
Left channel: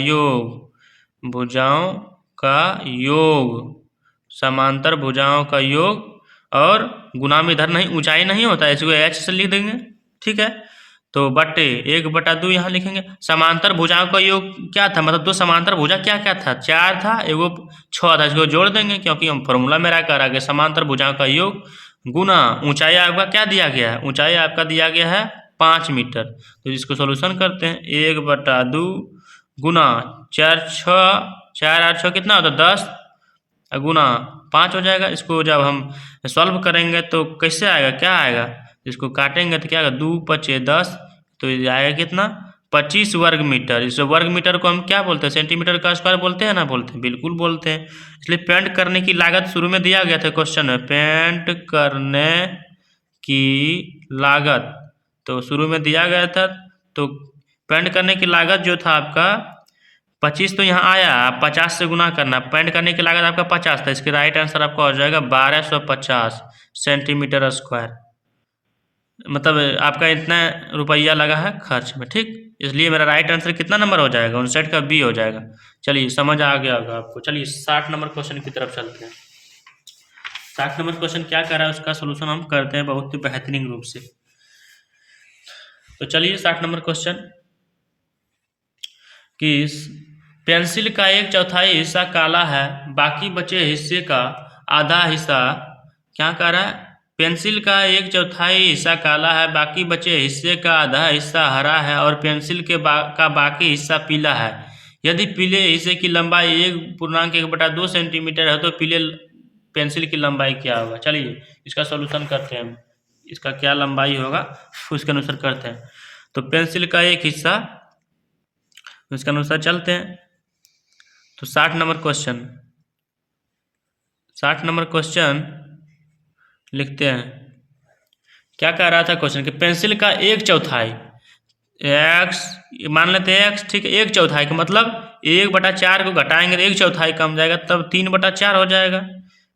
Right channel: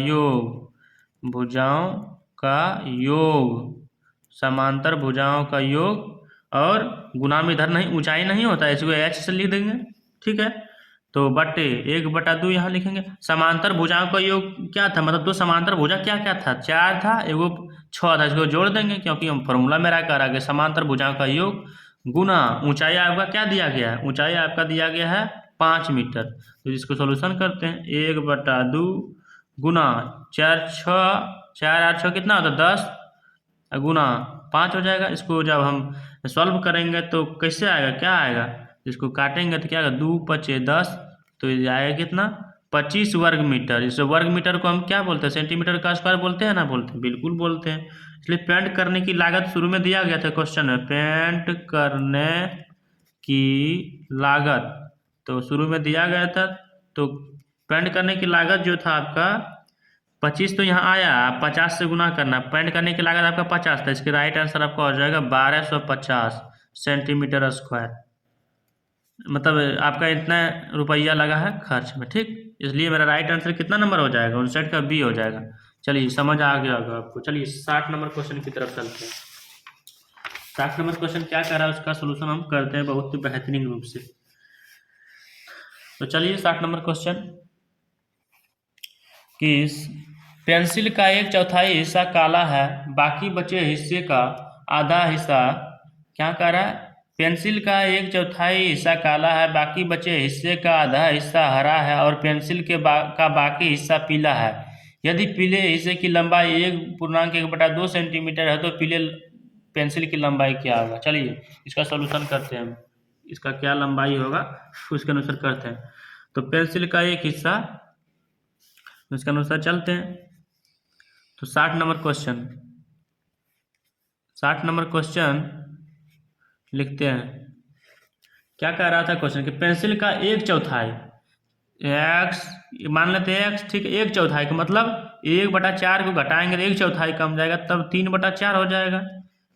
समांतर भुजाओं का योग, और गुना में इधर नहीं, ऊंचाई नहीं होता है, इसको h से लिख देंगे। ठीक है, तो बटे 1/2 यहाँ लिखेंगे। समांतर भुजाओं का योग क्या था, मतलब दो समांतर भुजा क्या क्या था? 4 था, एगो 6 था, इसको जोड़ देंगे क्योंकि हम फॉर्मूला मेरा कह रहा है समांतर भुजाओं का योग गुना ऊंचाई आपका क्या दिया गया है? ऊंचाई आपका दिया गया है 5 मीटर। तो इसको सोल्यूशन करते हैं। 1/2 गुना 4 8 6 कितना होता है? 10 गुना 5 हो जाएगा। इसको जब हम सॉल्व करेंगे तो कैसे आएगा, क्या आएगा? इसको काटेंगे तो क्या आएगा? 2 × 5 = 10, तो ये आएगा कितना? 25 वर्ग मीटर। इस वर्ग मीटर को हम क्या बोलते हैं? सेंटीमीटर का स्क्वायर बोलते हैं ना? बोलते हैं, बिल्कुल बोलते हैं। इसलिए पेंट करने की लागत शुरू में दिया गया था क्वेश्चन में, पेंट करने की लागत तो शुरू में दिया गया था, तो पेंट करने की लागत जो था आपका 25 तो यहाँ आया, आप 50 से गुना करना। पेंट करने की लागत आपका 50 था, इसके राइट आंसर आपका हो जाएगा 1250 सेंटीमीटर स्क्वायर। मतलब आपका इतना रुपया लगा है खर्च में, ठीक। इसलिए मेरा राइट आंसर कितना नंबर हो जाएगा, 59 का बी हो जाएगा। चलिए समझ आ गया होगा आपको। चलिए 60 नंबर क्वेश्चन की तरफ चलते हैं। 60 नंबर क्वेश्चन क्या कर रहा है, उसका सोल्यूशन हम करते हैं बहुत ही बेहतरीन रूप से। तो चलिए 60 नंबर क्वेश्चन कि पेंसिल का 1/4 हिस्सा काला है, बाकी बचे हिस्से का आधा हिस्सा क्या कर रहा है, पेंसिल का 1/4 हिस्सा काला है, बाकी बचे हिस्से का आधा हिस्सा हरा है और पेंसिल के का बाकी हिस्सा पीला है। यदि पीले हिस्से की लंबाई 1.1/2 सेंटीमीटर है तो पीले पेंसिल की लंबाई क्या होगा। चलिए इसका सॉल्यूशन करते हैं हम, इसका क्या लंबाई होगा उसके अनुसार करते हैं। तो पेंसिल का एक हिस्सा, इसके अनुसार चलते हैं। तो 60 नंबर क्वेश्चन, 60 नंबर क्वेश्चन लिखते हैं। क्या कह रहा था क्वेश्चन कि पेंसिल का 1/4 एक्स, मान लेते हैं एक्स, ठीक है। 1/4 का मतलब 1/4 को घटाएंगे तो 1/4 कम जाएगा, तब 3/4 हो जाएगा।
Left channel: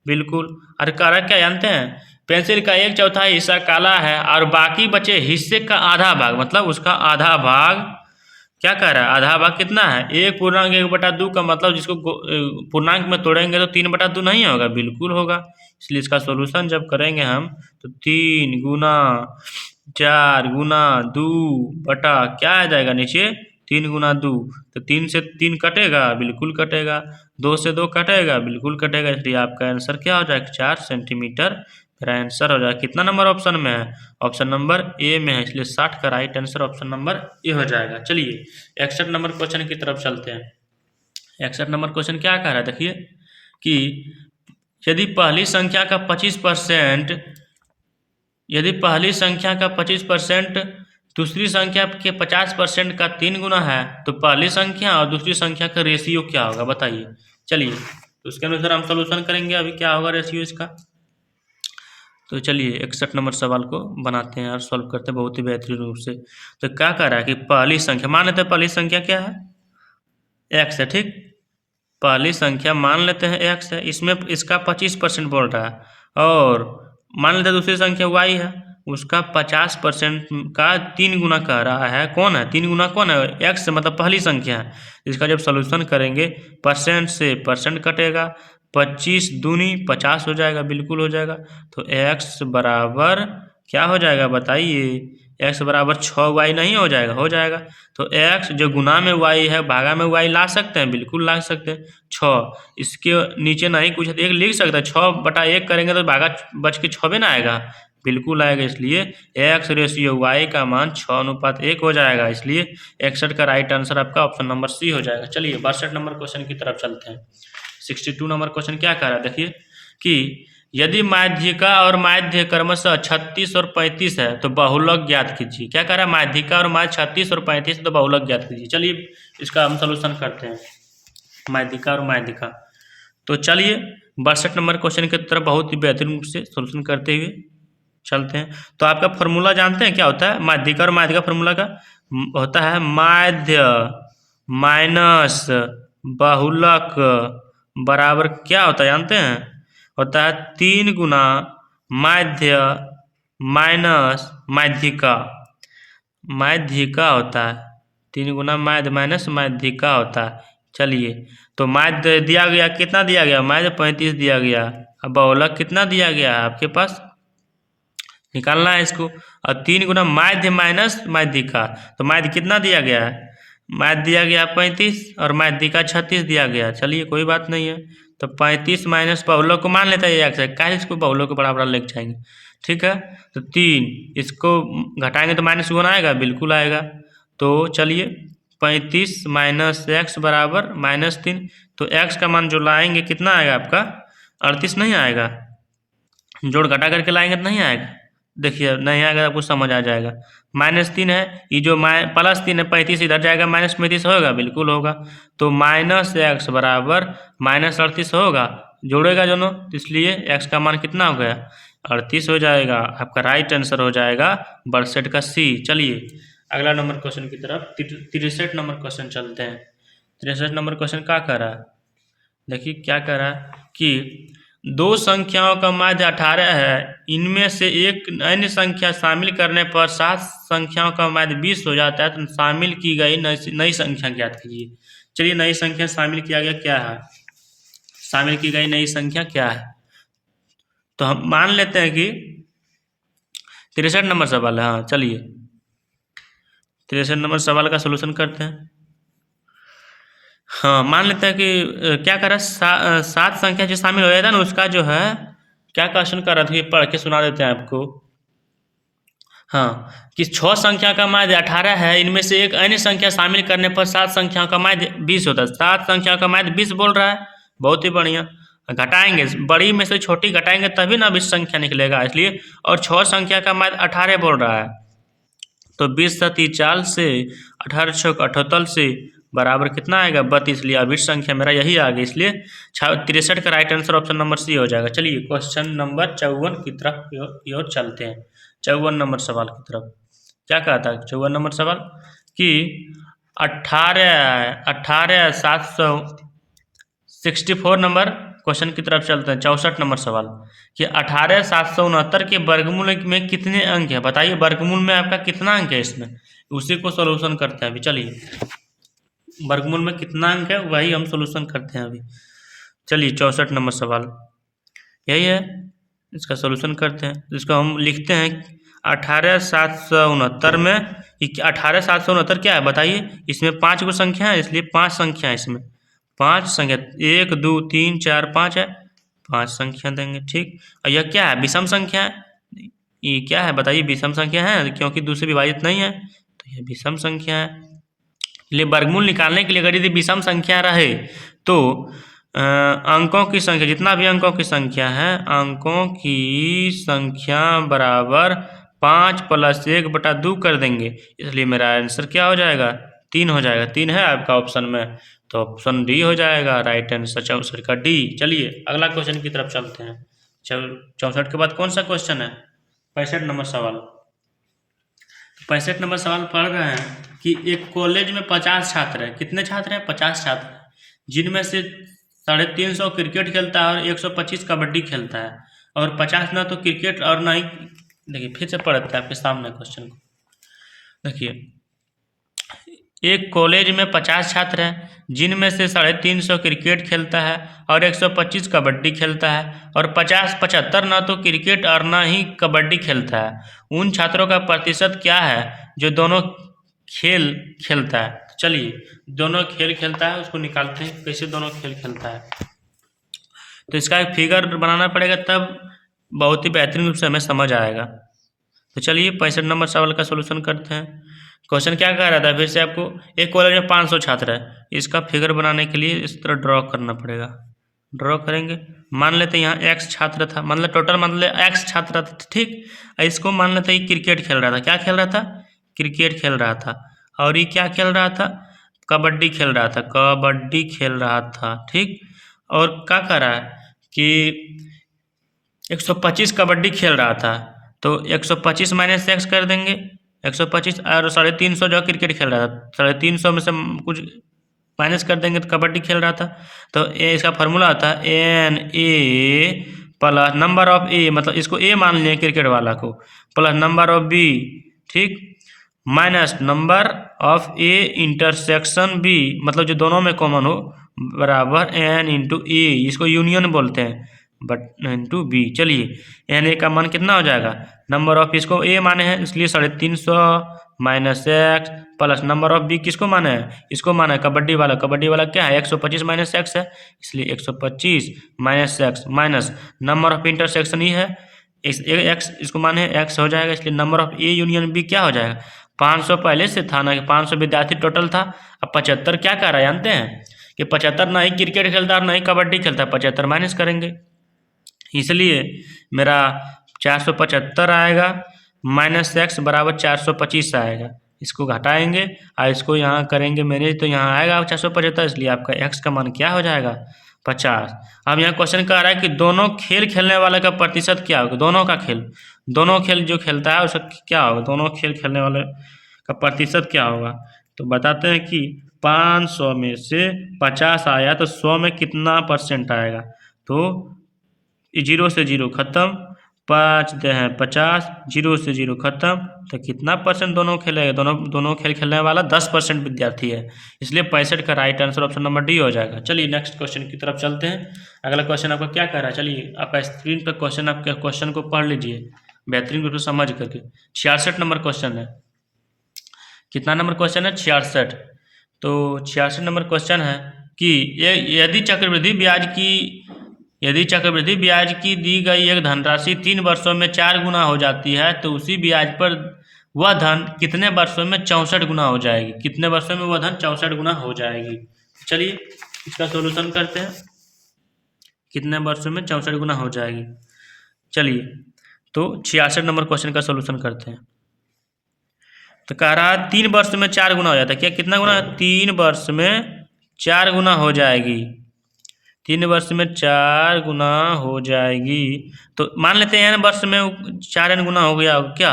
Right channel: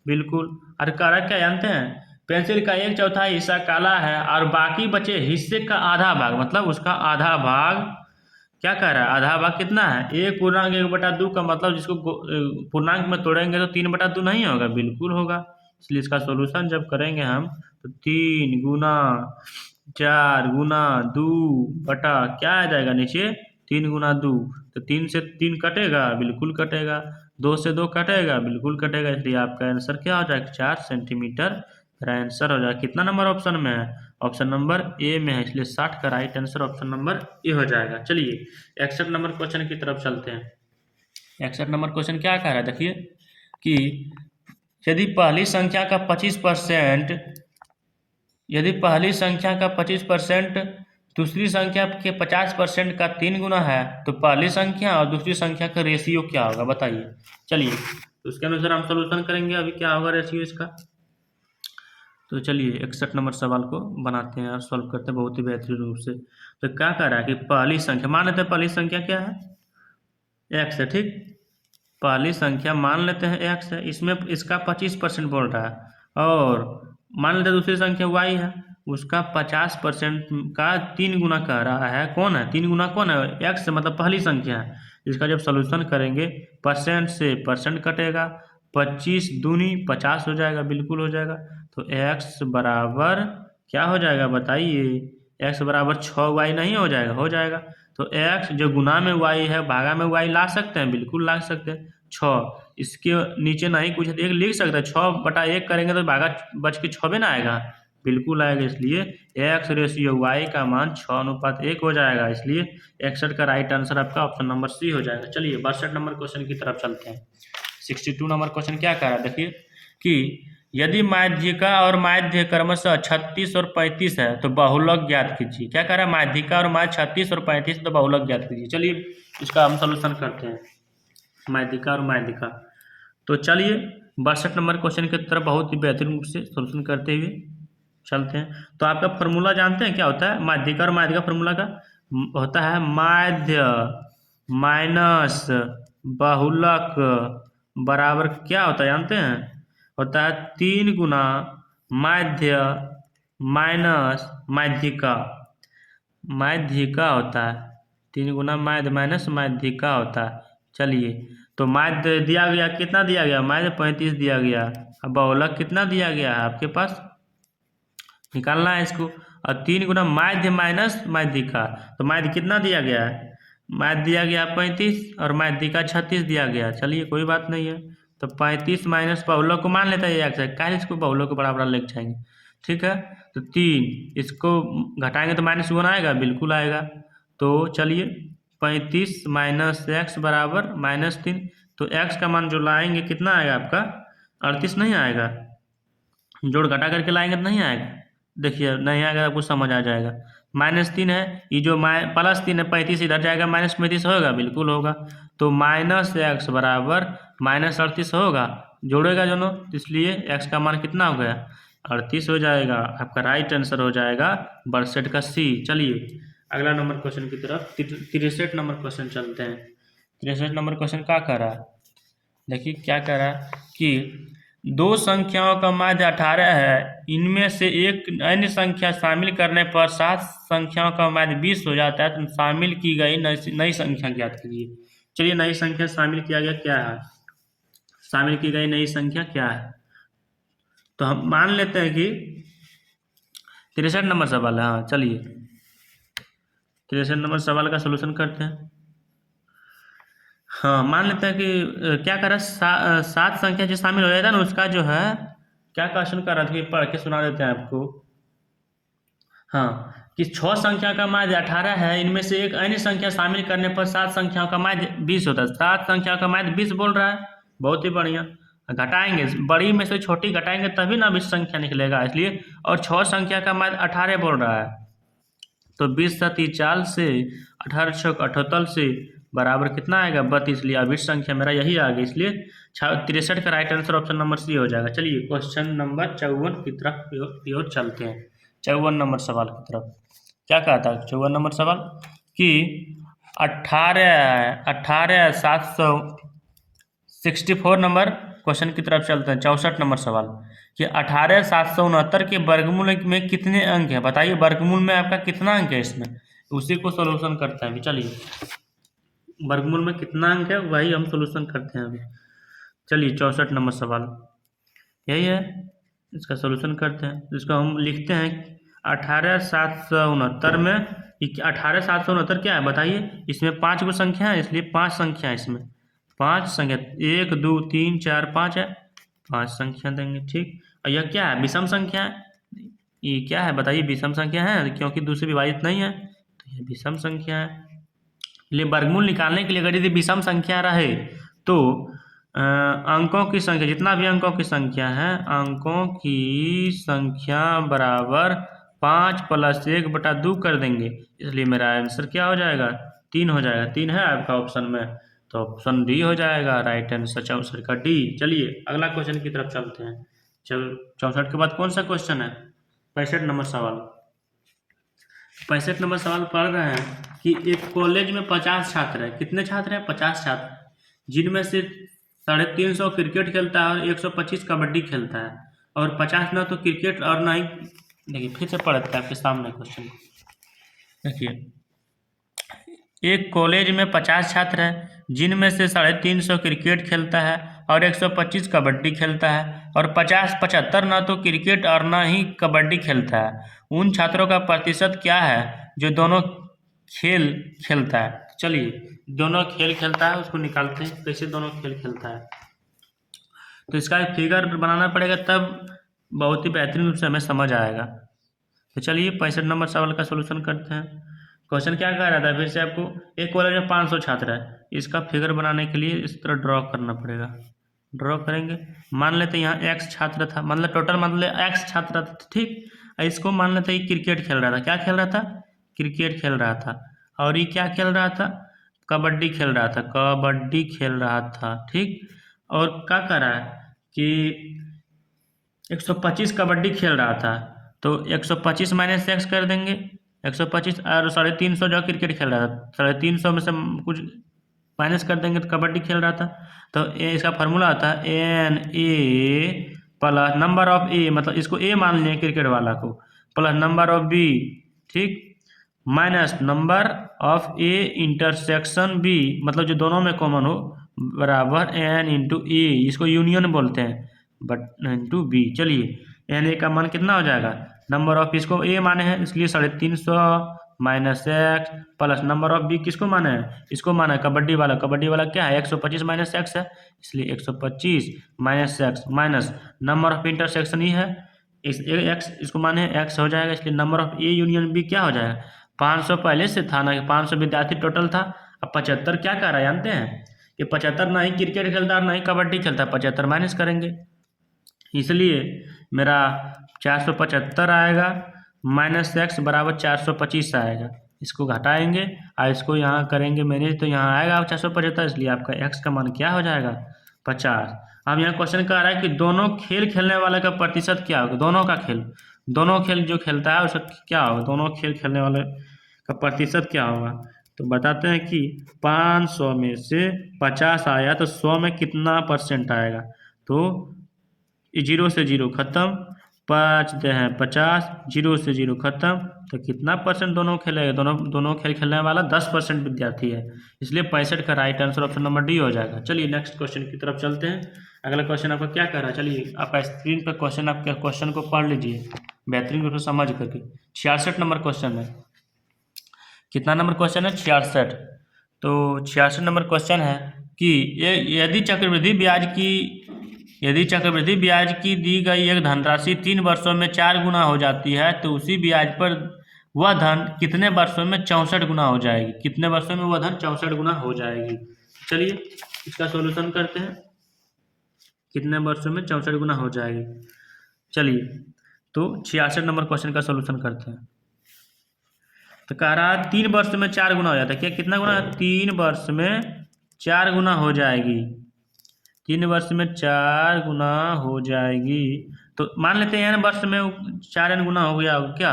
बिल्कुल। और कारक क्या जानते हैं, पेंसिल का 1/4 हिस्सा काला है और बाकी बचे हिस्से का आधा भाग, मतलब उसका आधा भाग क्या कह रहा है, आधा भाग कितना है 1.1/2 का मतलब जिसको पूर्णांक में तोड़ेंगे तो 3/2 नहीं होगा, बिल्कुल होगा। इसलिए इसका सॉल्यूशन जब करेंगे हम तो 3 गुना 4 गुना 2 बटा क्या आ जाएगा नीचे 3 गुना 2, तो 3 से 3 कटेगा, बिल्कुल कटेगा। 2 से 2 कटेगा, बिल्कुल कटेगा। इसलिए आपका आंसर क्या हो जाएगा 4 सेंटीमीटर। मेरा आंसर हो जाएगा कितना नंबर ऑप्शन में है, ऑप्शन नंबर ए में है। इसलिए 60 का right answer option number A हो जाएगा। चलिए 61 नंबर क्वेश्चन की तरफ चलते हैं। 61 नंबर क्वेश्चन क्या कह रहा है, देखिए कि यदि पहली संख्या का 25%, यदि पहली संख्या का 25% दूसरी संख्या के 50% का 3 गुना है तो पहली संख्या और दूसरी संख्या का रेशियो क्या होगा, बताइए। चलिए तो उसके अनुसार हम सोल्यूशन करेंगे। अभी क्या होगा रेशियो इसका, तो चलिए 61 नंबर सवाल को बनाते हैं और सॉल्व करते हैं बहुत ही बेहतरीन रूप से। तो क्या कह रहा है कि पहली संख्या, मान लेते हैं पहली संख्या क्या है, एक्स है, ठीक। पहली संख्या मान लेते हैं एक्स है, इसमें इसका 25% बोल रहा है। और मान लेते हैं दूसरी संख्या वाई है, उसका 50% का 3 गुना कह रहा है। कौन है 3 गुना, कौन है, एक्स मतलब पहली संख्या है। इसका जब सोल्यूशन करेंगे परसेंट से परसेंट कटेगा, 25 दूनी 50 हो जाएगा, बिल्कुल हो जाएगा। तो एक्स बराबर क्या हो जाएगा बताइए, एक्स बराबर 6y नहीं हो जाएगा, हो जाएगा। तो एक्स जो गुना में वाई है भागा में वाई ला सकते हैं, बिल्कुल ला सकते हैं। 6 इसके नीचे नहीं कुछ एक लिख सकते हैं, 6/1 करेंगे तो भागा बच के 6 ना आएगा, बिल्कुल आएगा। इसलिए एक्स रेशियो वाई का मान 6:1 हो जाएगा। इसलिए 61 का राइट आंसर आपका ऑप्शन नंबर सी हो जाएगा। चलिए 62 नंबर क्वेश्चन की तरफ चलते हैं। 62 नंबर क्वेश्चन क्या कह रहा है, देखिए कि यदि माध्यिका और माध्य क्रमशः 36 और 35 है तो बहुलक ज्ञात कीजिए। क्या कह रहा है, माध्यिका और माध्य 36 और 35 है तो बहुलक ज्ञात कीजिए। चलिए इसका हम सोल्यूशन करते हैं, माध्यिका और माध्यिका। तो चलिए 62 नंबर क्वेश्चन की तरफ बहुत ही बेहतरीन रूप से सोल्यूशन करते हुए चलते हैं। तो आपका फॉर्मूला जानते हैं क्या होता है, माध्यिका और माध्यिका फॉर्मूला का होता है माध्य माइनस बहुलक बराबर क्या होता है जानते हैं, होता है 3 गुना माध्य माइनस माध्यिका। माध्यिका होता है 3 गुना माध्य माइनस माध्यिका होता है। चलिए तो माध्य दिया गया, कितना दिया गया, माध्य 35 दिया गया। अब बहुलक कितना दिया गया है आपके पास, निकालना है इसको। और 3 गुना माध्य माइनस माध्यिका, तो माध्य कितना दिया गया है, माध्य दिया गया 35 और माध्यिका 36 दिया गया। चलिए कोई बात नहीं है, तो 35 माइनस बहुलक को मान लेता है एक्स है, क्या इसको बहुलक को बराबर लेके जाएंगे, ठीक है। तो 3 इसको घटाएंगे तो माइनस 1 आएगा, बिल्कुल आएगा। तो चलिए 35 माइनस एक्स बराबर -3, तो एक्स का मान जो लाएंगे कितना आएगा आपका 38 नहीं आएगा, जोड़ घटा करके लाएंगे तो नहीं आएगा, देखिए नहीं आएगा, आपको समझ आ जाएगा। -3 है, ये जो +3 है 35 इधर जाएगा, -35 होगा, बिल्कुल होगा। तो -x बराबर -38 होगा, जोड़ेगा दोनों, इसलिए x का मान कितना हो गया 38 हो जाएगा। आपका राइट आंसर हो जाएगा 62 का सी। चलिए अगला नंबर क्वेश्चन की तरफ 63 नंबर क्वेश्चन चलते हैं। 63 नंबर क्वेश्चन क्या कह रहा है, देखिए क्या कह रहा है कि दो संख्याओं का माध्य 18 है, इनमें से एक अन्य संख्या शामिल करने पर 7 संख्याओं का माध्य 20 हो जाता है, तो शामिल की गई नई संख्या ज्ञात कीजिए। चलिए नई संख्या शामिल किया गया क्या है, शामिल की गई नई संख्या क्या है, तो हम मान लेते हैं कि 63 नंबर सवाल है। हाँ चलिए 63 नंबर सवाल का सोल्यूशन करते हैं। हाँ मान लेते हैं कि क्या कर रहा है, 7 संख्या जो शामिल हो जाता है ना, उसका जो है क्या क्वेश्चन कर रहा था, ये पढ़ के सुना देते हैं आपको। हाँ कि 6 संख्या का माध्य 18 है, इनमें से एक अन्य संख्या शामिल करने पर 7 संख्या का माध्य 20 होता है। 7 संख्या का माध्य 20 बोल रहा है, बहुत ही बढ़िया। घटाएंगे, बड़ी में से छोटी घटाएंगे तभी ना 20 संख्या निकलेगा, इसलिए। और 6 संख्या का माध्य 18 बोल रहा है, तो 20 सती 40 से 18 छक 78 से बराबर कितना आएगा 32, इसलिए अभी संख्या मेरा यही आ गया, इसलिए 63 का right answer option number C हो जाएगा। चलिए क्वेश्चन नंबर 54 की तरफ की ओर चलते हैं। 54 नंबर सवाल की तरफ क्या कहता है 54 नंबर सवाल कि 18,764 नंबर क्वेश्चन की तरफ चलते हैं। 64 नंबर सवाल कि 18,769 के वर्गमूल में कितने अंक है, बताइए वर्गमूल में आपका कितना अंक है इसमें, उसी को सोल्यूशन करते हैं अभी। चलिए वर्गमूल में कितना अंक है वही हम सोल्यूशन करते हैं अभी। चलिए 64 नंबर सवाल यही है, इसका सोल्यूशन करते हैं। इसको हम लिखते हैं 18,769 में 18,769 क्या है बताइए, इसमें 5 गो संख्या है, इसलिए 5 संख्या है इसमें, 5 संख्या 1 2 3 4 5 है, 5 संख्या देंगे। ठीक, और यह क्या है विषम संख्या है, ये क्या है बताइए विषम संख्या है, क्योंकि दूसरे विभाजित नहीं है, तो यह विषम संख्या है। इसलिए वर्गमूल निकालने के लिए अगर यदि विषम संख्या रहे तो अंकों की संख्या, जितना भी अंकों की संख्या है, अंकों की संख्या बराबर 5 + 1/2 कर देंगे, इसलिए मेरा आंसर क्या हो जाएगा 3 हो जाएगा। 3 है आपका ऑप्शन में, तो ऑप्शन डी हो जाएगा राइट आंसर 64 का डी। चलिए अगला क्वेश्चन की तरफ चलते हैं। 64 के बाद कौन सा क्वेश्चन है 65 नंबर सवाल। 65 नंबर सवाल पढ़ रहे हैं कि एक कॉलेज में 50 छात्र हैं, कितने छात्र हैं 50 छात्र हैं, जिनमें से 350 क्रिकेट खेलता है और 125 कबड्डी खेलता है, और 50 ना तो क्रिकेट और ना ही, देखिए फिर से पढ़ते हैं आपके सामने क्वेश्चन को। देखिए एक कॉलेज में 50 छात्र हैं, जिनमें से 350 क्रिकेट खेलता है और 125 कबड्डी खेलता है, और 75 ना तो क्रिकेट और ना ही कबड्डी खेलता है। उन छात्रों का प्रतिशत क्या है जो दोनों खेल खेलता है। चलिए दोनों खेल खेलता है उसको निकालते हैं, कैसे दोनों खेल खेलता है, तो इसका एक फिगर बनाना पड़ेगा, तब बहुत ही बेहतरीन रूप से हमें समझ आएगा। तो चलिए 65 नंबर सवाल का सोल्यूशन करते हैं। क्वेश्चन क्या कह रहा था फिर से आपको, एक कॉलेज में 500 छात्र है, इसका फिगर बनाने के लिए इस तरह ड्रॉ करना पड़ेगा। ड्रॉ करेंगे, मान लेते हैं यहाँ x छात्र था, मतलब टोटल मतलब x छात्र था, ठीक। इसको मान लेते हैं क्रिकेट खेल रहा था, क्या खेल रहा था क्रिकेट खेल रहा था, और ये क्या खेल रहा था कबड्डी खेल रहा था, कबड्डी खेल रहा था, ठीक। और क्या कर रहा है कि 125 कबड्डी खेल रहा था, तो 125 - x कर देंगे, 125 और 350 जो क्रिकेट खेल रहा था, 350 में से कुछ माइनस कर देंगे तो कबड्डी खेल रहा था, तो इसका फार्मूला आता है NA plus number of A, मतलब इसको A मान लें क्रिकेट वाला को, प्लस नंबर ऑफ B, ठीक, minus number of A intersection B, मतलब जो दोनों में कॉमन हो, बराबर N × A, इसको यूनियन बोलते हैं, बट इंटू बी। चलिए NA का मान कितना हो जाएगा, नंबर ऑफ इसको A माने हैं इसलिए 350 - x plus number of B किसको माने हैं, इसको माना है कबड्डी वाला, कबड्डी वाला क्या है 125 - x है, इसलिए 125 - x minus number of intersection ये है x, इसको माने x हो जाएगा, इसलिए number of A union B क्या हो जाएगा 500 पहले से था ना, 500 विद्यार्थी टोटल था। अब 75 क्या कह रहा है जानते हैं कि 75 ना ही क्रिकेट खेलता है ना ही कबड्डी खेलता है, 75 माइनस करेंगे, इसलिए मेरा 475 आएगा, माइनस x बराबर 425 आएगा, इसको घटाएंगे और इसको यहाँ करेंगे मैंने, तो यहाँ आएगा 475, इसलिए आपका x का मान क्या हो जाएगा 50। अब यहाँ क्वेश्चन कह रहा है कि दोनों खेल खेलने वाले का प्रतिशत क्या होगा, दोनों का खेल, दोनों खेल जो खेलता है उसका क्या होगा, दोनों खेल खेलने वाले का प्रतिशत क्या होगा। तो बताते हैं कि 500 में से 50 आया तो 100 में कितना परसेंट आएगा। तो 0 से 0 खत्म, 5 दे हैं 50, 0 से 0 खत्म, तो कितना परसेंट दोनों खेलेगा। दोनों खेल खेलने वाला 10% विद्यार्थी है, इसलिए 65 का right answer option number D हो जाएगा। चलिए नेक्स्ट क्वेश्चन की तरफ चलते हैं। अगला क्वेश्चन आपका क्या कह रहा है, चलिए आपका स्क्रीन पर क्वेश्चन, आपके क्वेश्चन को पढ़ लीजिए बेहतरीन रूप से समझ करके। 66 नंबर क्वेश्चन है। कितना नंबर क्वेश्चन है, 66। तो 66 नंबर क्वेश्चन है कि यदि चक्रवृद्धि ब्याज की दी गई एक धनराशि 3 वर्षों में 4 गुना हो जाती है, तो उसी ब्याज पर वह धन कितने वर्षों में 64 गुना हो जाएगी। कितने वर्षों में वह धन 64 गुना हो जाएगी। चलिए इसका सॉल्यूशन करते हैं, कितने वर्षों में 64 गुना हो जाएगी। चलिए तो 66 नंबर क्वेश्चन का सॉल्यूशन करते हैं। तो कह रहा है 3 वर्ष में 4 गुना हो जाता है। क्या कितना गुना, 3 वर्ष में 4 गुना हो जाएगी। 3 वर्ष में 4 गुना हो जाएगी। तो मान लेते हैं n वर्ष में 4n गुना हो गया क्या,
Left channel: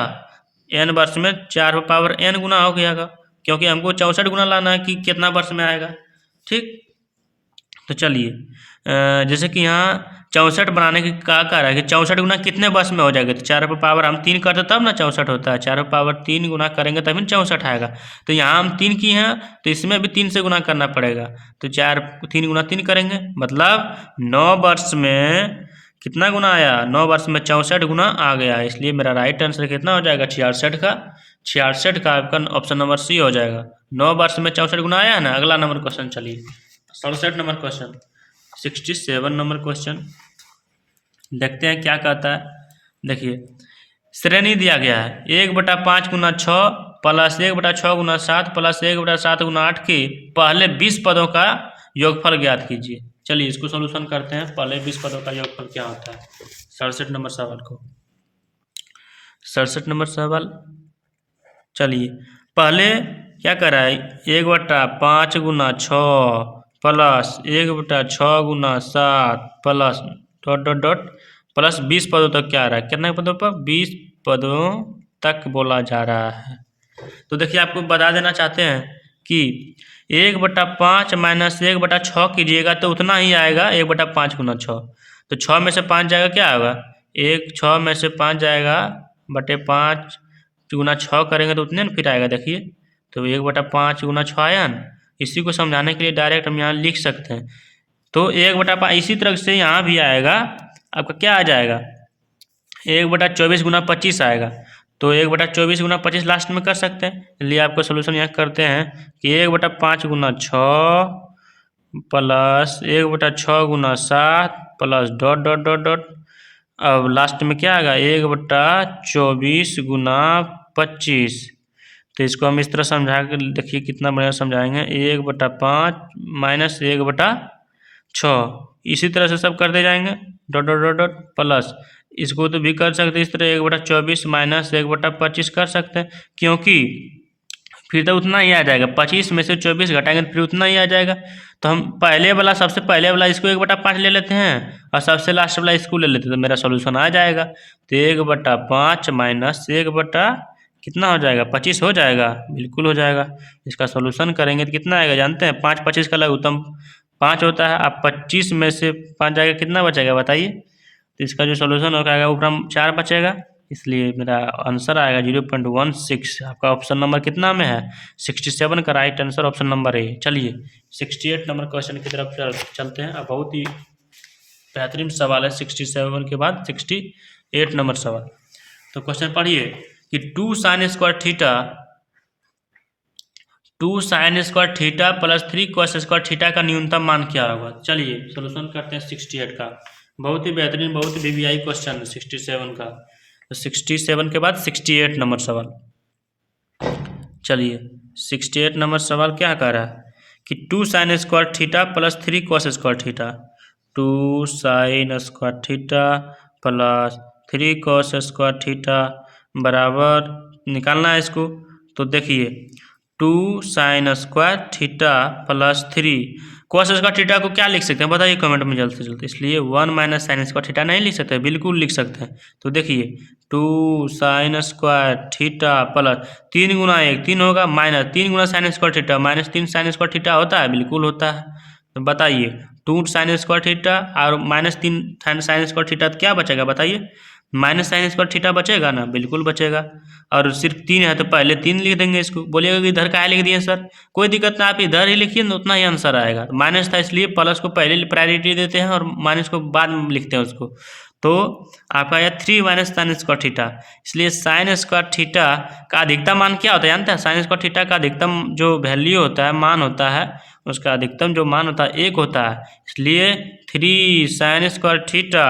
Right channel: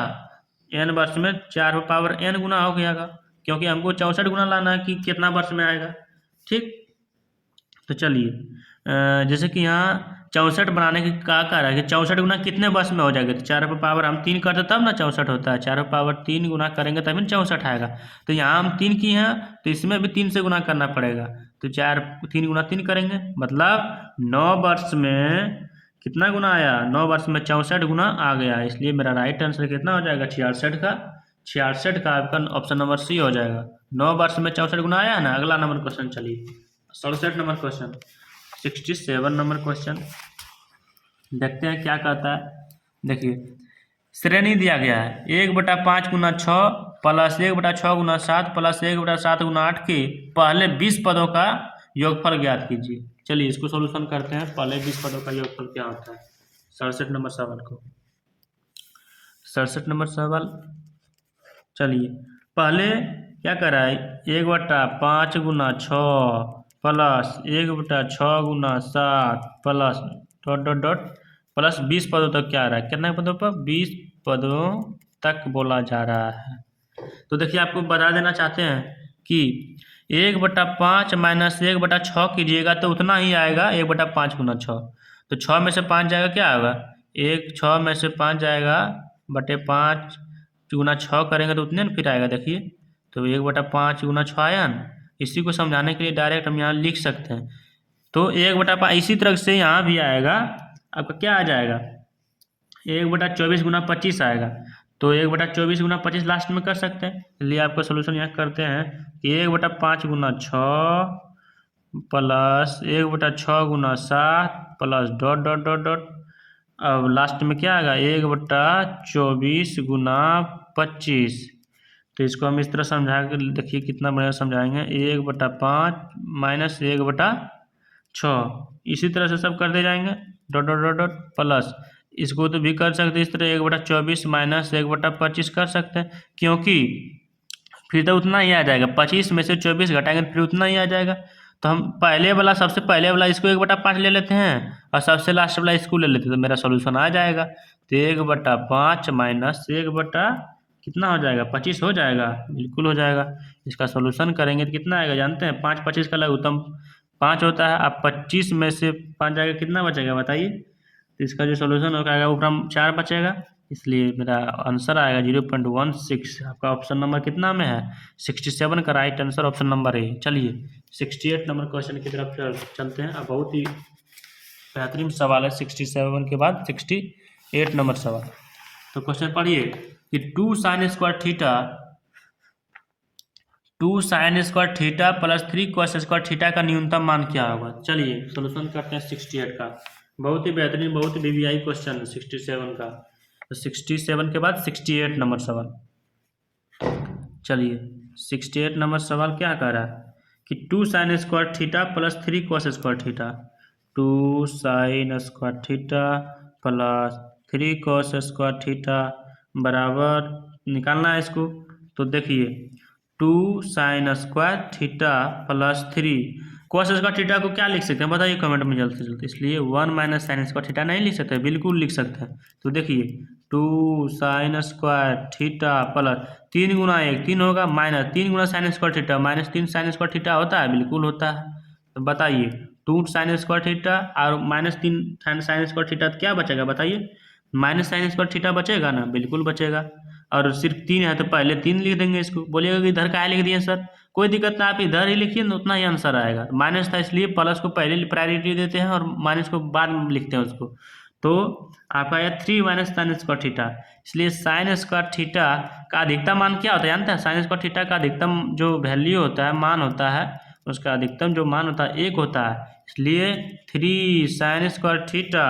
n वर्ष में 4 पावर n गुना हो गया, क्योंकि हमको 64 गुना लाना है कि कितना वर्ष में आएगा। ठीक, तो चलिए जैसे कि यहाँ 64 बनाने की क्या कह रहा है कि 64 गुना कितने वर्ष में हो जाएगा। तो 4 पर पावर हम 3 करते तब ना 64 होता है, 4 पर पावर 3 गुना करेंगे तभी 64 आएगा। तो यहाँ हम 3 की हैं तो इसमें भी 3 से गुना करना पड़ेगा। तो 3 गुना 3 करेंगे, मतलब 9 वर्ष में कितना गुना आया, 9 वर्ष में 64 गुना आ गया। इसलिए मेरा राइट आंसर कितना हो जाएगा, 66 का आपका ऑप्शन नंबर सी हो जाएगा। 9 वर्ष में 64 गुना आया है ना। अगला नंबर क्वेश्चन, चलिए 67 नंबर क्वेश्चन, 67 नंबर क्वेश्चन देखते हैं क्या कहता है। देखिए श्रेणी दिया गया है 1/5 गुना 6 प्लस 1/6 गुना 7 प्लस 1/7 गुना 8 के पहले 20 पदों का योगफल ज्ञात कीजिए। चलिए इसको सॉल्यूशन करते हैं। पहले 20 पदों का योगफल क्या होता है, 67 नंबर सवाल को, 67 नंबर सवाल। चलिए पहले क्या कर रहा है, 1/5 गुना 6 प्लस 1/6 गुना 7 plus dot dot dot plus 20 पदों तक क्या आ रहा है, कितने पदों पर, 20 पदों तक बोला जा रहा है। तो देखिए आपको बता देना चाहते हैं कि 1/5 माइनस 1/6 कीजिएगा तो उतना ही आएगा 1/5 गुना 6। तो 6 में से 5 जाएगा क्या होगा, 6 में से 5 जाएगा बटे 5 गुना 6 करेंगे तो उतने ना फिर आएगा। देखिए तो 1/5 गुना 6 आया ना। इसी को समझाने के लिए डायरेक्ट हम यहाँ लिख सकते हैं। तो 1/5 इसी तरह से यहाँ भी आएगा, आपका क्या आ जाएगा, 1/24 गुना 25 आएगा। तो 1/24 गुना 25 लास्ट में कर सकते हैं, इसलिए आपको सोल्यूशन यहाँ करते हैं कि 1/5 गुना 6 प्लस 1/6 गुना 7 plus dot dot dot dot, अब लास्ट में क्या आएगा 1/24 गुना 25। तो इसको हम इस तरह समझा कर देखिए कितना बढ़िया समझाएंगे, 1/5 माइनस 1/6, इसी तरह से सब करते जाएंगे dot dot dot dot plus. इसको तो भी कर सकते हैं इस तरह 1/24 माइनस 1/25 कर सकते हैं, क्योंकि फिर तो उतना ही आ जाएगा। 25 में से 24 घटाएंगे तो फिर उतना ही आ जाएगा। तो हम सबसे पहले वाला इसको 1/5 ले लेते हैं और सबसे लास्ट वाला इसको ले लेते हैं, तो मेरा सोल्यूशन आ जाएगा। तो 1/5 माइनस 1 कितना हो जाएगा, 25 हो जाएगा, बिल्कुल हो जाएगा। इसका सोल्यूशन करेंगे तो कितना आएगा जानते हैं, 5 25 का लघुत्तम 5 होता है। अब 25 में से 5 जाएगा कितना बचेगा बताइए। तो इसका जो सोल्यूशन होगा आएगा ऊपर 4 बचेगा, इसलिए मेरा आंसर आएगा 0.16। आपका ऑप्शन नंबर कितना में है, 67 का right answer option number A. चलिए 68 नंबर क्वेश्चन की तरफ चलते हैं। अब बहुत ही बेहतरीन सवाल है 67 के बाद 68 नंबर सवाल। तो क्वेश्चन पढ़िए कि 2 sin square theta plus 3 cos square theta का न्यूनतम मान क्या होगा। चलिए सोल्यूशन करते हैं 68 का। बहुत ही बेहतरीन, बहुत ही वीवीआई क्वेश्चन है 67 का। तो 67 के बाद 68 नंबर सवाल। चलिए 68 नंबर सवाल क्या कह रहा है कि 2 sin square theta plus 3 cos square theta, 2 sin square theta plus 3 cos square theta बराबर निकालना है इसको। तो देखिए 2 sin square theta plus 3 cos square theta को क्या लिख सकते हैं बताइए कमेंट में जल्द से जल्द। इसलिए 1 माइनस साइन स्क्वायर थीटा नहीं लिख सकते, बिल्कुल लिख सकते हैं। तो देखिए 2 साइन स्क्वायर थीटा प्लस 3 गुना 1 3 होगा, माइनस 3 गुना sine square theta minus 3 sine square theta होता है, बिल्कुल होता है। तो बताइए 2 साइन स्क्वायर थीटा और माइनस 3 साइन स्क्वायर थीटा, तो क्या बचेगा बताइए? माइनस साइन स्क्वायर थीटा बचेगा ना, बिल्कुल बचेगा। और सिर्फ 3 है तो पहले 3 लिख देंगे इसको। बोलिएगा कि इधर क्या लिख दिए सर, कोई दिक्कत ना, आप इधर ही लिखिए ना, उतना ही आंसर आएगा। माइनस था इसलिए प्लस को पहले प्रायोरिटी देते हैं और माइनस को बाद में लिखते हैं उसको। तो आपका आया 3 माइनस साइन स्क्वायर थीटा। इसलिए साइन स्क्वायर थीटा का अधिकतम मान क्या होता है जानते हैं? साइन स्क्वायर थीटा का अधिकतम जो वैल्यू होता है, मान होता है, उसका अधिकतम जो मान होता है 1 होता है। इसलिए 3 साइन स्क्वायर थीटा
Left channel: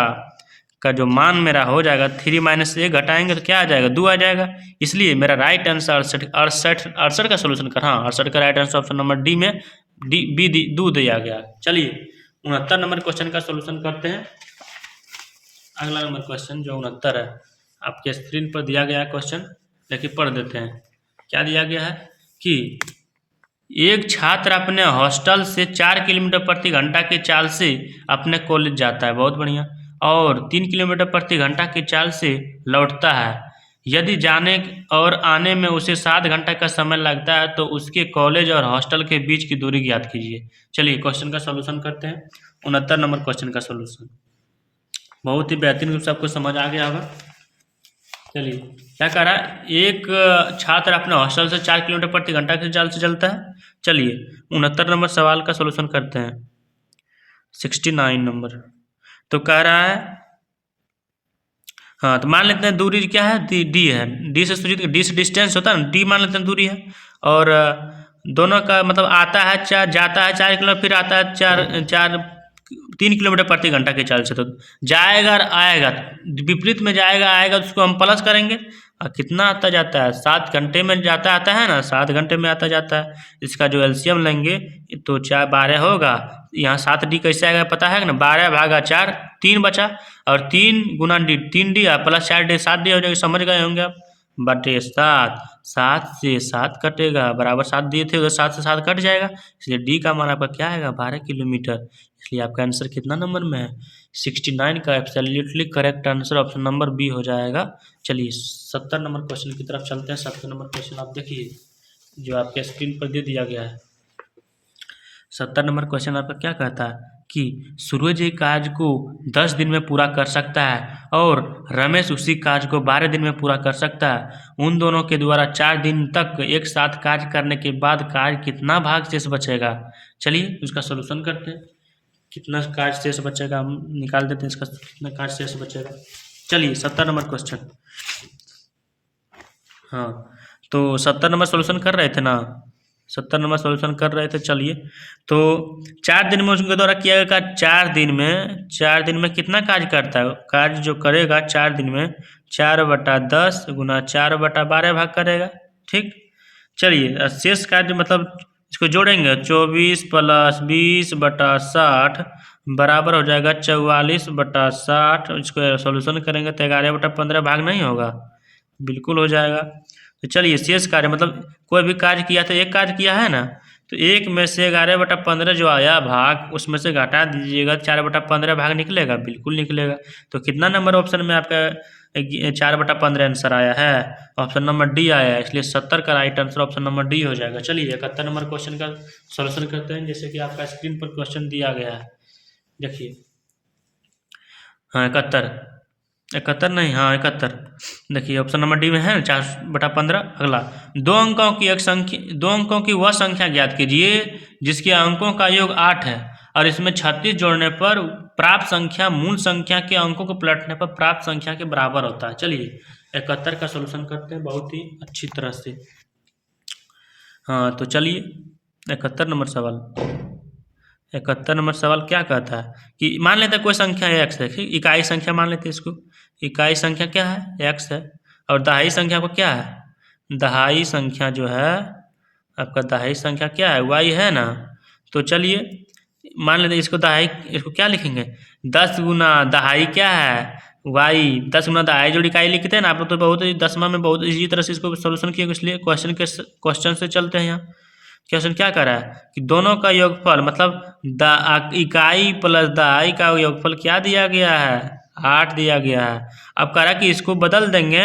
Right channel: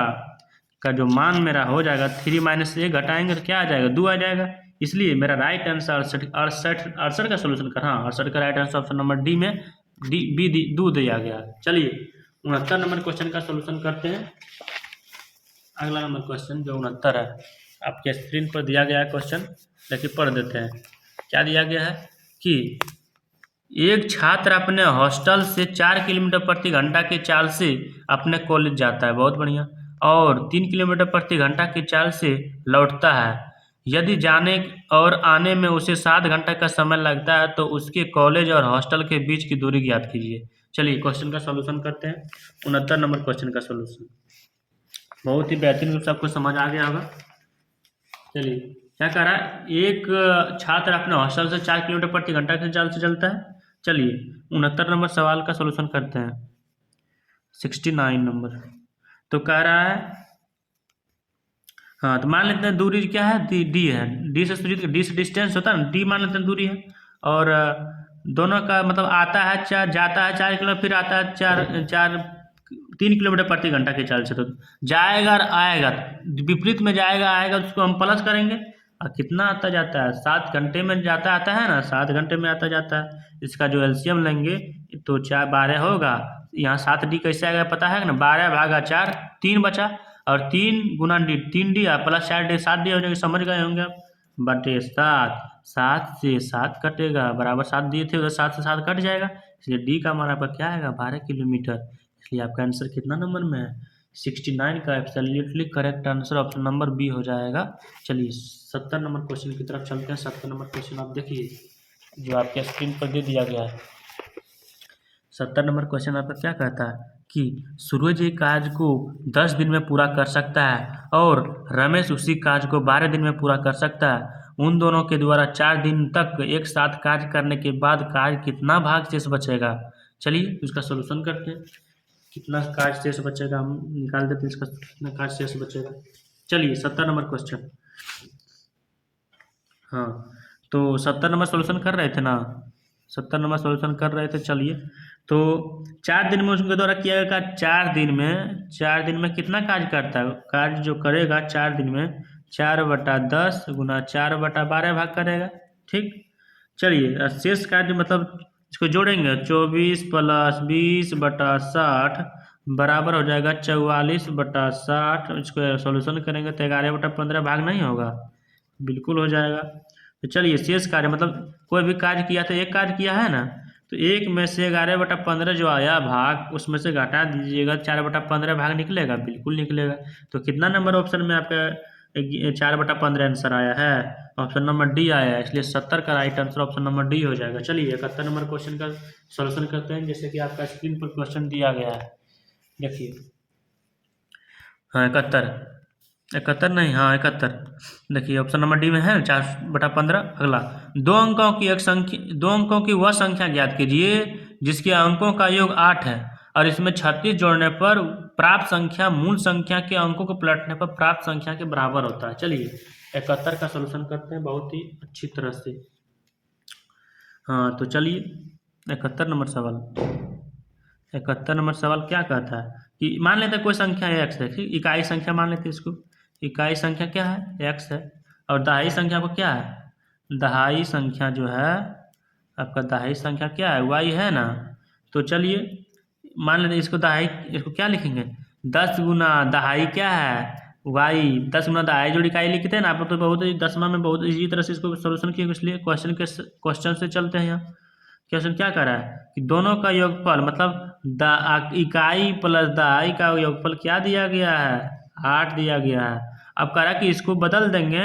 का जो मान मेरा हो जाएगा 3 माइनस 1 घटाएंगे तो क्या आ जाएगा? 2 आ जाएगा। इसलिए मेरा राइट आंसर 68 का सोल्यूशन कर, हाँ 68 का right answer option number D में बी 2 दिया गया। चलिए 69 नंबर क्वेश्चन का सोल्यूशन करते हैं। अगला नंबर क्वेश्चन जो 69 है, आपके स्क्रीन पर दिया गया क्वेश्चन, लेकिन पढ़ देते हैं। क्या दिया गया है कि एक छात्र अपने हॉस्टल से 4 किलोमीटर प्रति घंटा की चाल से अपने कॉलेज जाता है, बहुत बढ़िया, और 3 किलोमीटर प्रति घंटा की चाल से लौटता है। यदि जाने और आने में उसे 7 घंटा का समय लगता है तो उसके कॉलेज और हॉस्टल के बीच की दूरी ज्ञात कीजिए। चलिए क्वेश्चन का सॉल्यूशन करते हैं। 69 नंबर क्वेश्चन का सॉल्यूशन बहुत ही बेहतरीन रूप से आपको समझ आ गया होगा। चलिए क्या कह रहा है, एक छात्र अपने हॉस्टल से 4 किलोमीटर प्रति घंटा की चाल से चलता है। चलिए 69 नंबर सवाल का सॉल्यूशन करते हैं। 69 नंबर तो कह रहा है, हाँ तो मान लेते हैं दूरी क्या है, डी है। डी से सूचित, डी से डिस्टेंस होता है ना, डी मान लेते हैं दूरी है। और दोनों का मतलब आता है 4, जाता है 4 किलोमीटर, फिर आता है 3 किलोमीटर प्रति घंटा की चाल से। तो जाएगा और आएगा, विपरीत में जाएगा आएगा, उसको हम प्लस करेंगे। और कितना आता जाता है? 7 घंटे में जाता आता है ना, 7 घंटे में आता जाता है। इसका जो एलसीएम लेंगे तो 4 12 होगा। यहाँ 7 डी कैसे आएगा पता है ना, 12 भागा 4 3 बचा, और 3 गुना D 3 D plus 4 D 7 D हो जाएगी, समझ गए होंगे आप। बटे 7, 7 से 7 कटेगा, बराबर 7 दिए थे उधर 7 से 7 कट जाएगा। इसलिए डी का मान आपका क्या आएगा? 12 किलोमीटर। इसलिए आपका आंसर कितना नंबर में है? 69 का absolutely correct answer option number B हो जाएगा। चलिए 70 नंबर क्वेश्चन की तरफ चलते हैं। 70 नंबर क्वेश्चन आप देखिए जो आपके स्क्रीन पर दे दिया गया है। 70 नंबर क्वेश्चन आपका क्या कहता है कि सूरज एक कार्य को 10 दिन में पूरा कर सकता है और रमेश उसी कार्य को 12 दिन में पूरा कर सकता है। उन दोनों के द्वारा 4 दिन तक एक साथ कार्य करने के बाद कार्य कितना भाग शेष बचेगा? चलिए उसका सोल्यूशन करते हैं। कितना कार्य शेष बचेगा हम निकाल देते हैं, इसका कितना कार्य शेष बचेगा। चलिए 70 नंबर क्वेश्चन, हाँ तो 70 नंबर सोल्यूशन कर रहे थे ना, 70 नंबर सोल्यूशन कर रहे थे। चलिए तो 4 दिन में उसके द्वारा किया गया 4 दिन में कितना कार्य करता है? कार्य जो करेगा 4 दिन में 4/10 गुना 4/12 भाग करेगा, ठीक। चलिए शेष कार्य मतलब इसको जोड़ेंगे, 24 + 20/60 बराबर हो जाएगा 44/60। इसको सॉल्यूशन करेंगे तो 11/15 भाग नहीं होगा, बिल्कुल हो जाएगा। तो चलिए शेष कार्य मतलब कोई भी कार्य किया तो एक कार्य किया है ना, तो 1 में से 11/15 जो आया भाग, उसमें से घटा दीजिएगा, 4/15 भाग निकलेगा, बिल्कुल निकलेगा। तो कितना नंबर ऑप्शन में आपका 4/15 आंसर आया है? ऑप्शन नंबर डी आया है। इसलिए 70 का right answer option number D हो जाएगा। चलिए 71 नंबर क्वेश्चन का सॉल्यूशन करते हैं, जैसे कि आपका स्क्रीन पर क्वेश्चन दिया गया है, देखिए। हाँ 71 नहीं, हाँ 71। देखिए ऑप्शन नंबर डी में है 4/15। अगला, 2 अंकों की वह संख्या ज्ञात कीजिए जिसके अंकों का योग 8 है और इसमें 36 जोड़ने पर प्राप्त संख्या मूल संख्या के अंकों को पलटने पर प्राप्त संख्या के बराबर होता है। चलिए 71 का सॉल्यूशन करते हैं बहुत ही अच्छी तरह से। हाँ तो चलिए 71 नंबर सवाल क्या कहता है कि मान लेते हैं कोई संख्या x है, इकाई संख्या मान लेते हैं इसको। इकाई संख्या क्या है? x है। और दहाई संख्या को क्या है? दहाई संख्या जो है आपका, दहाई संख्या क्या है? y है ना। तो चलिए मान लेते हैं इसको दहाई, इसको क्या लिखेंगे? 10 गुना दहाई क्या है? y। 10 गुना दहाई जो इकाई लिखते हैं ना आप लोग, तो बहुत ही 10वां में बहुत इसी तरह से इसको सोल्यूशन किए, इसलिए क्वेश्चन से चलते हैं यहाँ। क्वेश्चन क्या कर रहा है कि दोनों का योगफल मतलब इकाई प्लस दहाई का योगफल क्या दिया गया है, 8 दिया गया है। अब कह रहा है कि इसको बदल देंगे,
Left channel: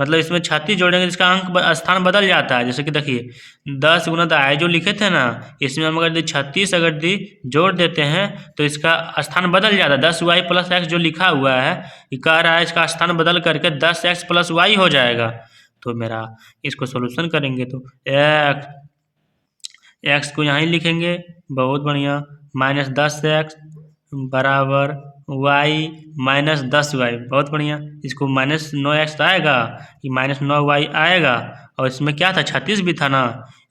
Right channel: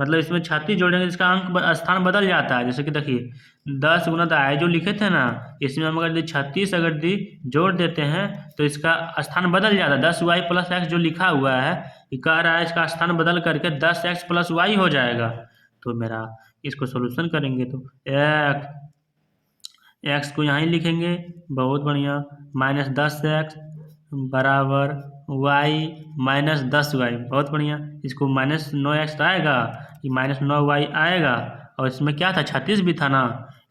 मतलब इसमें 36 जोड़ेंगे, इसका अंक स्थान बदल जाता है। जैसे कि देखिए 10 गुना दहाई जो लिखे थे ना, इसमें हम अगर 36 अगर जोड़ देते हैं तो इसका स्थान बदल जाता है। 10y प्लस एक्स जो लिखा हुआ है, ये कह रहा है इसका स्थान बदल करके 10x प्लस वाई हो जाएगा। तो मेरा इसको सोल्यूशन करेंगे तो एक्स को यहाँ ही लिखेंगे, बहुत बढ़िया, -10x बराबर y -10y, बहुत बढ़िया। इसको -9x आएगा, ये -9y आएगा, और इसमें क्या था 36 भी था ना,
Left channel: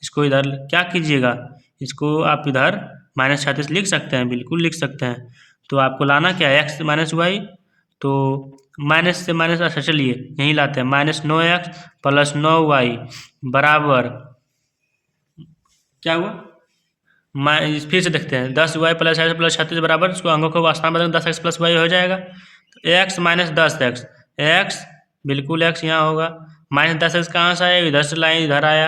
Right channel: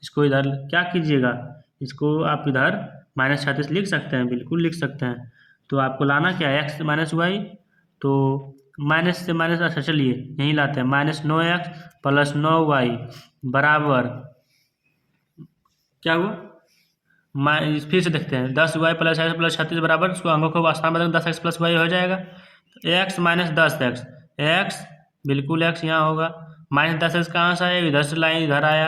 इसको इधर क्या कीजिएगा, इसको आप इधर -36 लिख सकते हैं, बिल्कुल लिख सकते हैं। तो आपको लाना क्या है, x -y, तो माइनस से माइनस, अच्छा चलिए यहीं लाते हैं, -9x प्लस 9y बराबर क्या हुआ, फिर से देखते हैं, 10y प्लस एक्स प्लस 36 बराबर, इसको अंगों को स्थान बदल 10x प्लस वाई हो जाएगा। तो x -10x, x बिल्कुल x यहाँ होगा, -10x कहाँ से आया, इधर से लाइन इधर आया,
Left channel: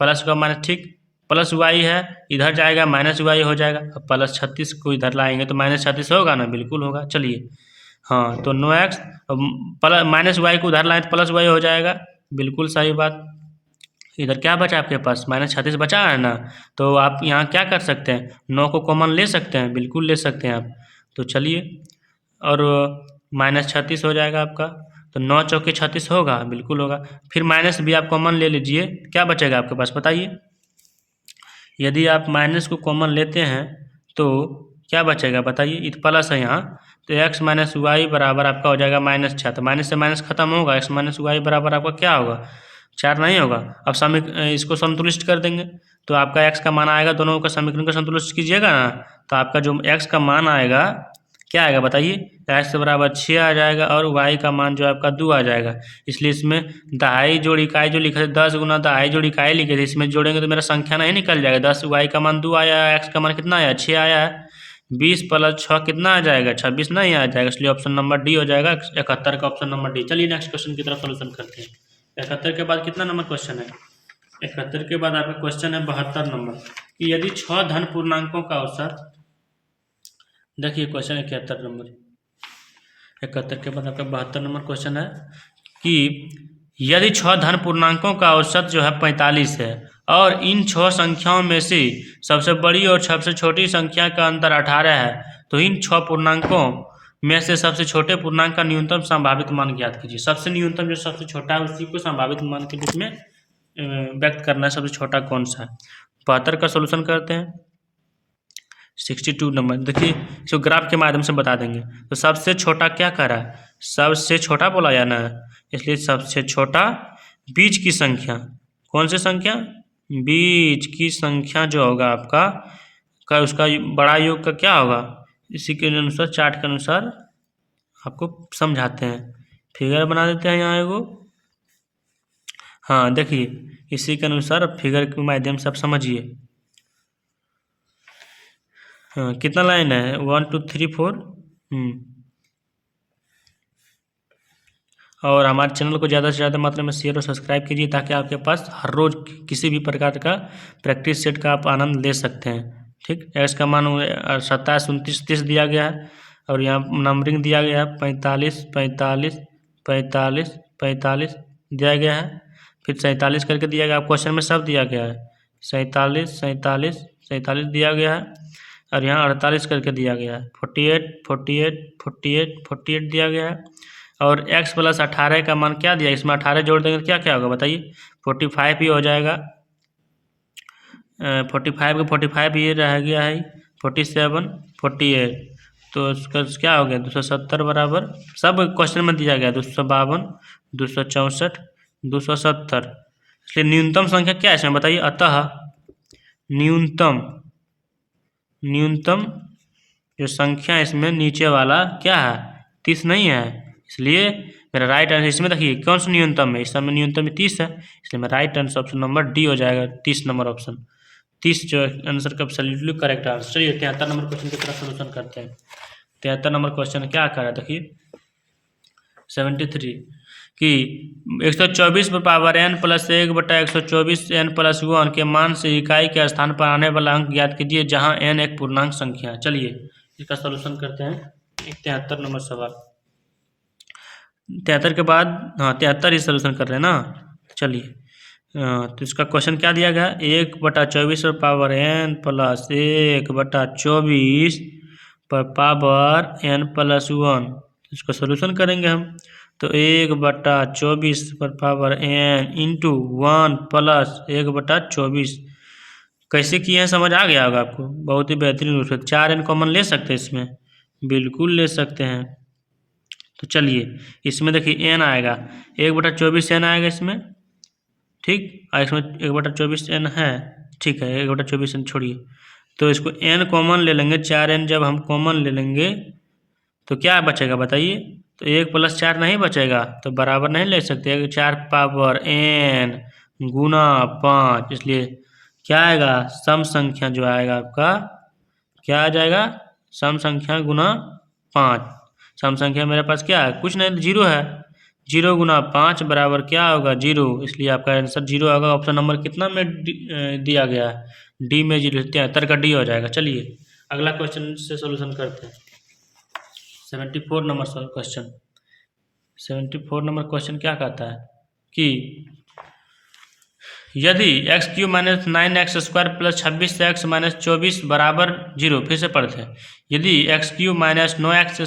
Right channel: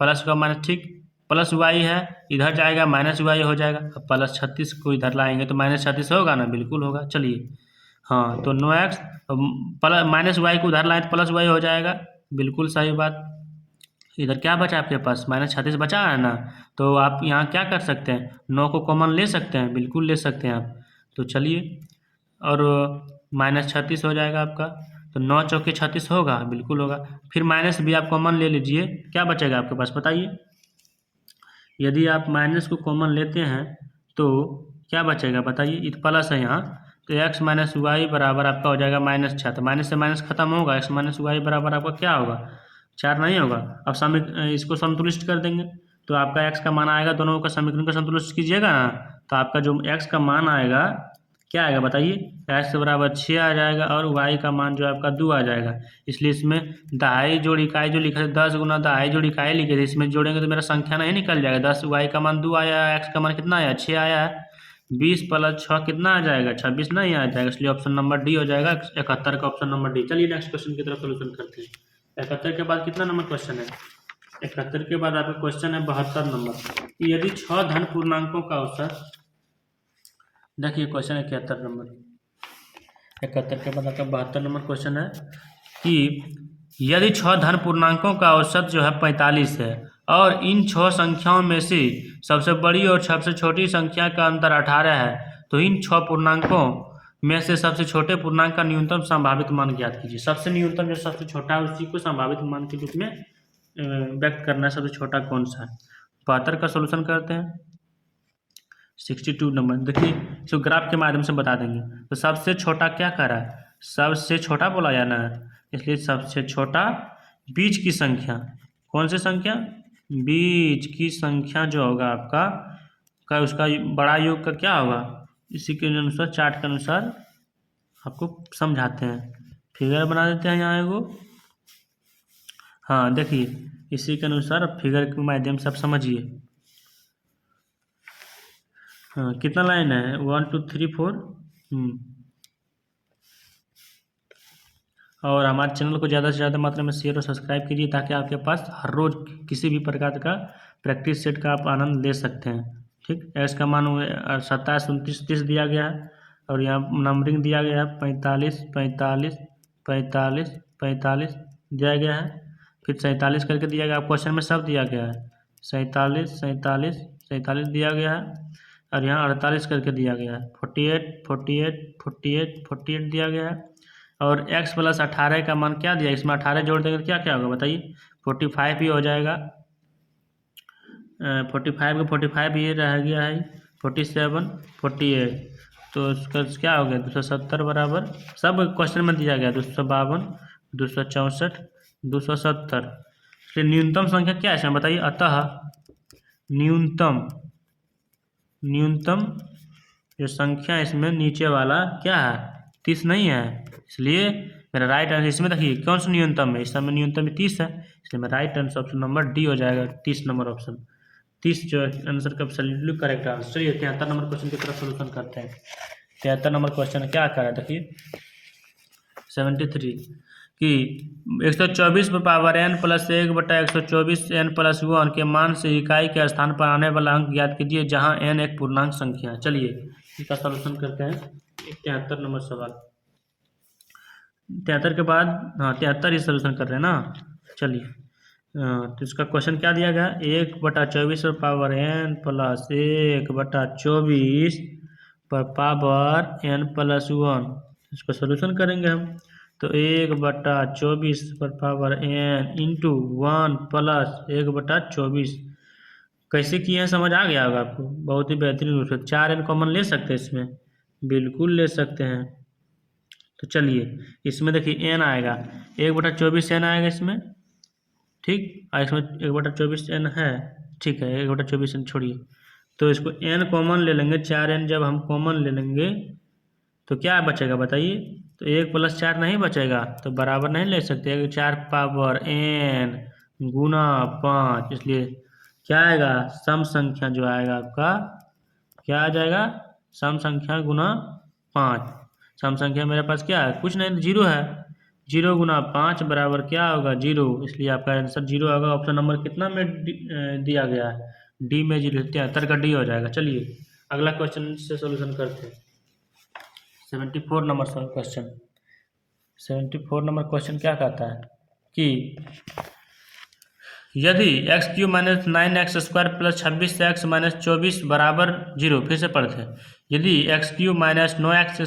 प्लस का माइनस, ठीक, प्लस y है, इधर जाएगा -y हो जाएगा। अब प्लस 36 को इधर लाएंगे तो -36 होगा ना, बिल्कुल होगा। चलिए हाँ, तो 9x प्लस -y को उधर लाएँ तो प्लस y हो जाएगा, बिल्कुल सही बात। इधर क्या बचा आपके पास, -36 बचा है ना, तो आप यहाँ क्या कर सकते हैं, 9 को कॉमन ले सकते हैं, बिल्कुल ले सकते हैं आप। तो चलिए, और -36 हो जाएगा आपका, तो 9 चौके 36 होगा, बिल्कुल होगा। फिर माइनस भी आप कॉमन ले लीजिए, क्या बचेगा आपके पास बताइए। यदि आप माइनस को कॉमन लेते हैं तो क्या बचेगा बताइए, इत प्लस है यहाँ, तो x -y बराबर आपका हो जाएगा -6। तो माइनस से माइनस खत्म होगा, x -y बराबर आपका क्या होगा, 4 नहीं होगा। अब इसको संतुलित कर देंगे तो आपका x का मान आएगा, दोनों का समीकरण का संतुलित कीजिएगा ना, तो आपका जो x का मान आएगा क्या आएगा बताइए, x बराबर 6 आ जाएगा, और y का मान जो आपका 2 आ जाएगा। इसलिए इसमें दहाई जोड़ इकाई जो लिखे थे, 10 गुना दहाई जोड़ इकाई लिखे थे, इसमें जोड़ेंगे तो मेरा संख्या नहीं निकल जाएगा। 10 y का मान 2 आया है, x का मान कितना आया, 6 आया है, 20 प्लस 6 कितना आ जाएगा, 26 नहीं आ जाएगा, इसलिए ऑप्शन नंबर डी हो जाएगा, 71 का ऑप्शन नंबर डी। चलिए नेक्स्ट क्वेश्चन की तरफ सोल्यूशन करते हैं। 71 के बाद कितना नंबर क्वेश्चन है, 71 के बाद आपका क्वेश्चन है 72 नंबर, कि यदि 6 धन पूर्णांकों का औसत, देखिए क्वेश्चन 71 नंबर, 71 के बाद आपका 72 नंबर क्वेश्चन है कि यदि 6 धन पूर्णांकों का औसत जो है 45 है, और इन 6 संख्याओं में से सबसे बड़ी और सबसे छोटी संख्या का अंतर 18 है, तो इन 6 पूर्णांकों में से सबसे छोटे पूर्णांक का न्यूनतम संभावित मान ज्ञात कीजिए। सबसे न्यूनतम जो सबसे छोटा है उसी को संभावित मान के रूप में व्यक्त करना है, सबसे छोटा कौन सा है। 72 का सोल्यूशन करते हैं। 62 नंबर, देखिए इसको ग्राफ के माध्यम से बता देंगे। तो सबसे छोटा क्या कर रहा है, सबसे छोटा बोला जाना है, इसलिए सबसे छोटा बीच की संख्या, कौन सी संख्या, बीच की संख्या जो होगा आपका उसका बड़ा योग का क्या होगा, इसी के अनुसार चार्ट के अनुसार आपको समझाते हैं, फिगर बना देते हैं यहाँ एगो। हाँ देखिए, इसी के अनुसार फिगर के माध्यम से आप समझिए। हाँ कितना लाइन है, 1 2 3 4। और हमारे चैनल को ज़्यादा से ज़्यादा मात्रा में शेयर और सब्सक्राइब कीजिए, ताकि आपके पास हर रोज़ किसी भी प्रकार का प्रैक्टिस सेट का आप आनंद ले सकते हैं। ठीक, एक्स का मान 27 29 30 दिया गया है, और यहाँ नंबरिंग दिया गया है 45 45 45 45 दिया गया है, फिर 47 करके दिया गया, क्वेश्चन में सब दिया गया है, 47 47 47 दिया गया है, और यहाँ 48 करके दिया गया है, 48 48 48 48 दिया गया है, और x प्लस 18 का मान क्या दिया, इसमें 18 जोड़ देंगे तो क्या क्या होगा बताइए, 45 ही हो जाएगा, 45 का 45 ये रह गया है, 47 48, तो उसका क्या हो गया 270 बराबर, सब क्वेश्चन में दिया गया 252 264 270। इसलिए न्यूनतम संख्या क्या है इसमें बताइए, अतः न्यूनतम जो संख्या इसमें नीचे वाला क्या है, 30 नहीं है, इसलिए मेरा राइट आंसर इसमें देखिए कौन सा न्यूनतम है, इस समय न्यूनतम 30 है, इसलिए मेरा right answer option number D हो जाएगा, 30 नंबर ऑप्शन, 30 जो आंसर का एब्सोल्युटली करेक्ट आंसर। चलिए 73 नंबर क्वेश्चन की तरफ सोल्यूशन करते हैं। 73 नंबर क्वेश्चन क्या कर रहा है देखिए, 73 कि 124 पर power n plus 1/124 n plus 1 के मान से इकाई के स्थान पर आने वाला अंक ज्ञात कीजिए जहां n एक पूर्णांक संख्या है। चलिए इसका सॉल्यूशन करते हैं। 73 नंबर सवाल। 73 के बाद 73 ही सॉल्यूशन कर रहे हैं ना। चलिए तो इसका क्वेश्चन क्या दिया गया, 1/24 पर पावर n प्लस 1/24 पर पावर n प्लस 1। इसको सोल्यूशन करेंगे हम तो 1/24 पर पावर n इंटू 1 प्लस 1/24 कैसे किए हैं समझ आ गया होगा आपको। बहुत ही बेहतरीन रूप से 4n कॉमन ले सकते हैं इसमें, बिल्कुल ले सकते हैं। तो चलिए इसमें देखिए n आएगा 1/24 n आएगा इसमें, ठीक। और इसमें 1/24 n है, ठीक है 1/24 n छोड़िए। तो इसको n कॉमन ले लेंगे, 4n जब हम कॉमन ले लेंगे तो क्या बचेगा बताइए। तो 1 + 4 नहीं बचेगा, तो बराबर नहीं ले सकते। 4 पावर n गुना 5, इसलिए क्या आएगा सम संख्या जो आएगा आपका क्या आ जाएगा, सम संख्या गुना 5। सम संख्या मेरे पास क्या है, कुछ नहीं 0 है। 0 गुना 5 बराबर क्या होगा 0, इसलिए आपका आंसर 0 होगा। ऑप्शन नंबर कितना में दिया गया है, डी में 0, 73 का डी हो जाएगा। चलिए अगला क्वेश्चन से सोल्यूशन करते हैं। 74 नंबर क्वेश्चन। 74 नंबर क्वेश्चन क्या कहता है कि यदि x³ - 9x² + 26x - 24 बराबर 0, फिर से पढ़ते हैं। यदि x³ - 9x² +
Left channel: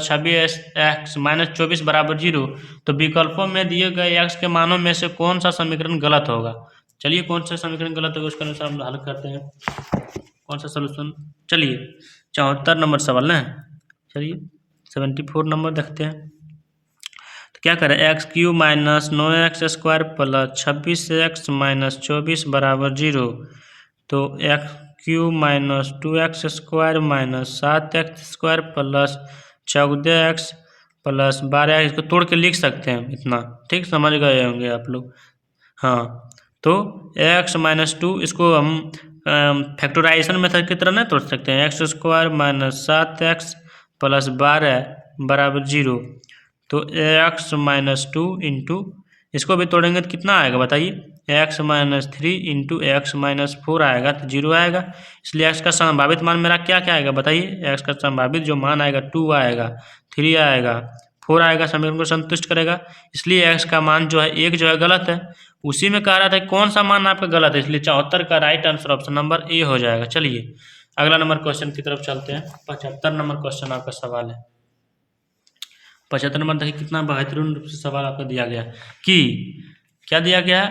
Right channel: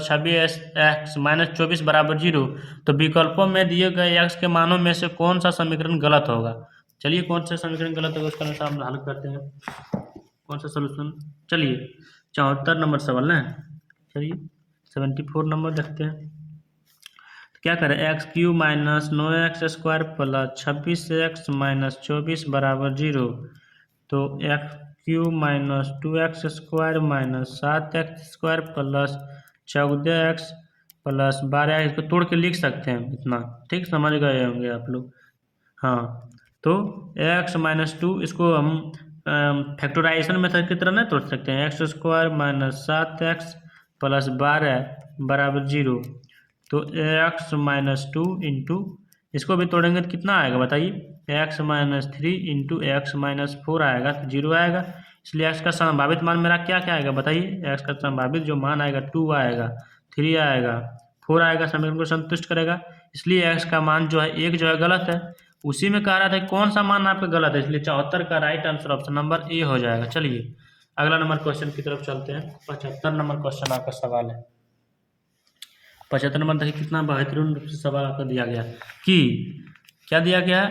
26x - 24 बराबर 0, तो विकल्पों में दिए गए x के मानों में से कौन सा समीकरण गलत होगा। चलिए कौन सा समीकरण गलत होगा उसका अनुसार हम हल करते हैं, कौन सा सोल्यूशन। चलिए 74 नंबर सवाल है। चलिए 74 नंबर देखते हैं। तो क्या करें, x³ - 9x² + 26x - 24 बराबर 0। तो x³ - 2x² - 7x² + 14x + 12, इसको तोड़ के लिख सकते हैं इतना, ठीक समझ गए होंगे आप लोग। हाँ तो x - 2 इसको हम फैक्टराइजेशन मेथड की तरह नहीं तोड़ सकते हैं। x² - 7x + 12 बराबर 0। तो x - 2 इंटू इसको भी तोड़ेंगे तो कितना आएगा बताइए, x - 3 इंटू x - 4 आएगा, तो 0 आएगा। इसलिए x का संभावित मान मेरा क्या क्या आएगा बताइए। x का संभावित जो मान आएगा 2 आएगा, 3 आएगा, 4 आएगा, समीकरण को संतुष्ट करेगा। इसलिए x का मान जो है 1 जो है गलत है। उसी में कह रहा था कौन सा मान आपका गलत है, इसलिए 74 का right answer option number A हो जाएगा। चलिए अगला नंबर क्वेश्चन की तरफ चलते हैं। 75 नंबर क्वेश्चन आपका सवाल है। 75 नंबर देखिए कितना बेहतरीन रूप से सवाल आपको दिया गया कि क्या दिया गया,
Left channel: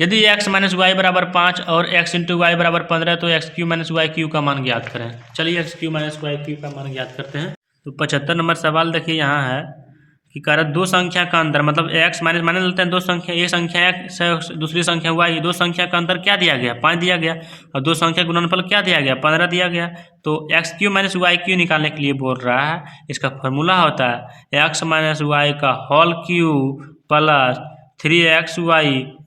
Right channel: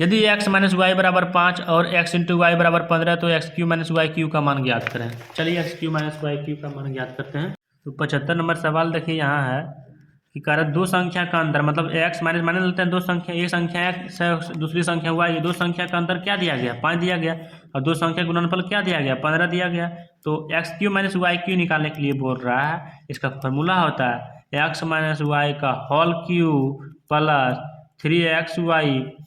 यदि x - y बराबर 5 और x × y बराबर 15, तो x³ - y³ का मान ज्ञात करें। चलिए x³ - y³ का मान ज्ञात करते हैं। तो 75 नंबर सवाल देखिए यहाँ है कि कारण दो संख्या का अंतर, मतलब x माइनस मान लेते हैं दो संख्या, एक संख्या x है दूसरी संख्या y, दो संख्या का अंतर क्या दिया गया 5 दिया गया, और दो संख्या गुणनफल क्या दिया गया 15 दिया गया। तो x³ - y³ निकालने के लिए बोल रहा है। इसका फॉर्मूला होता है x - y का whole cube plus 3xy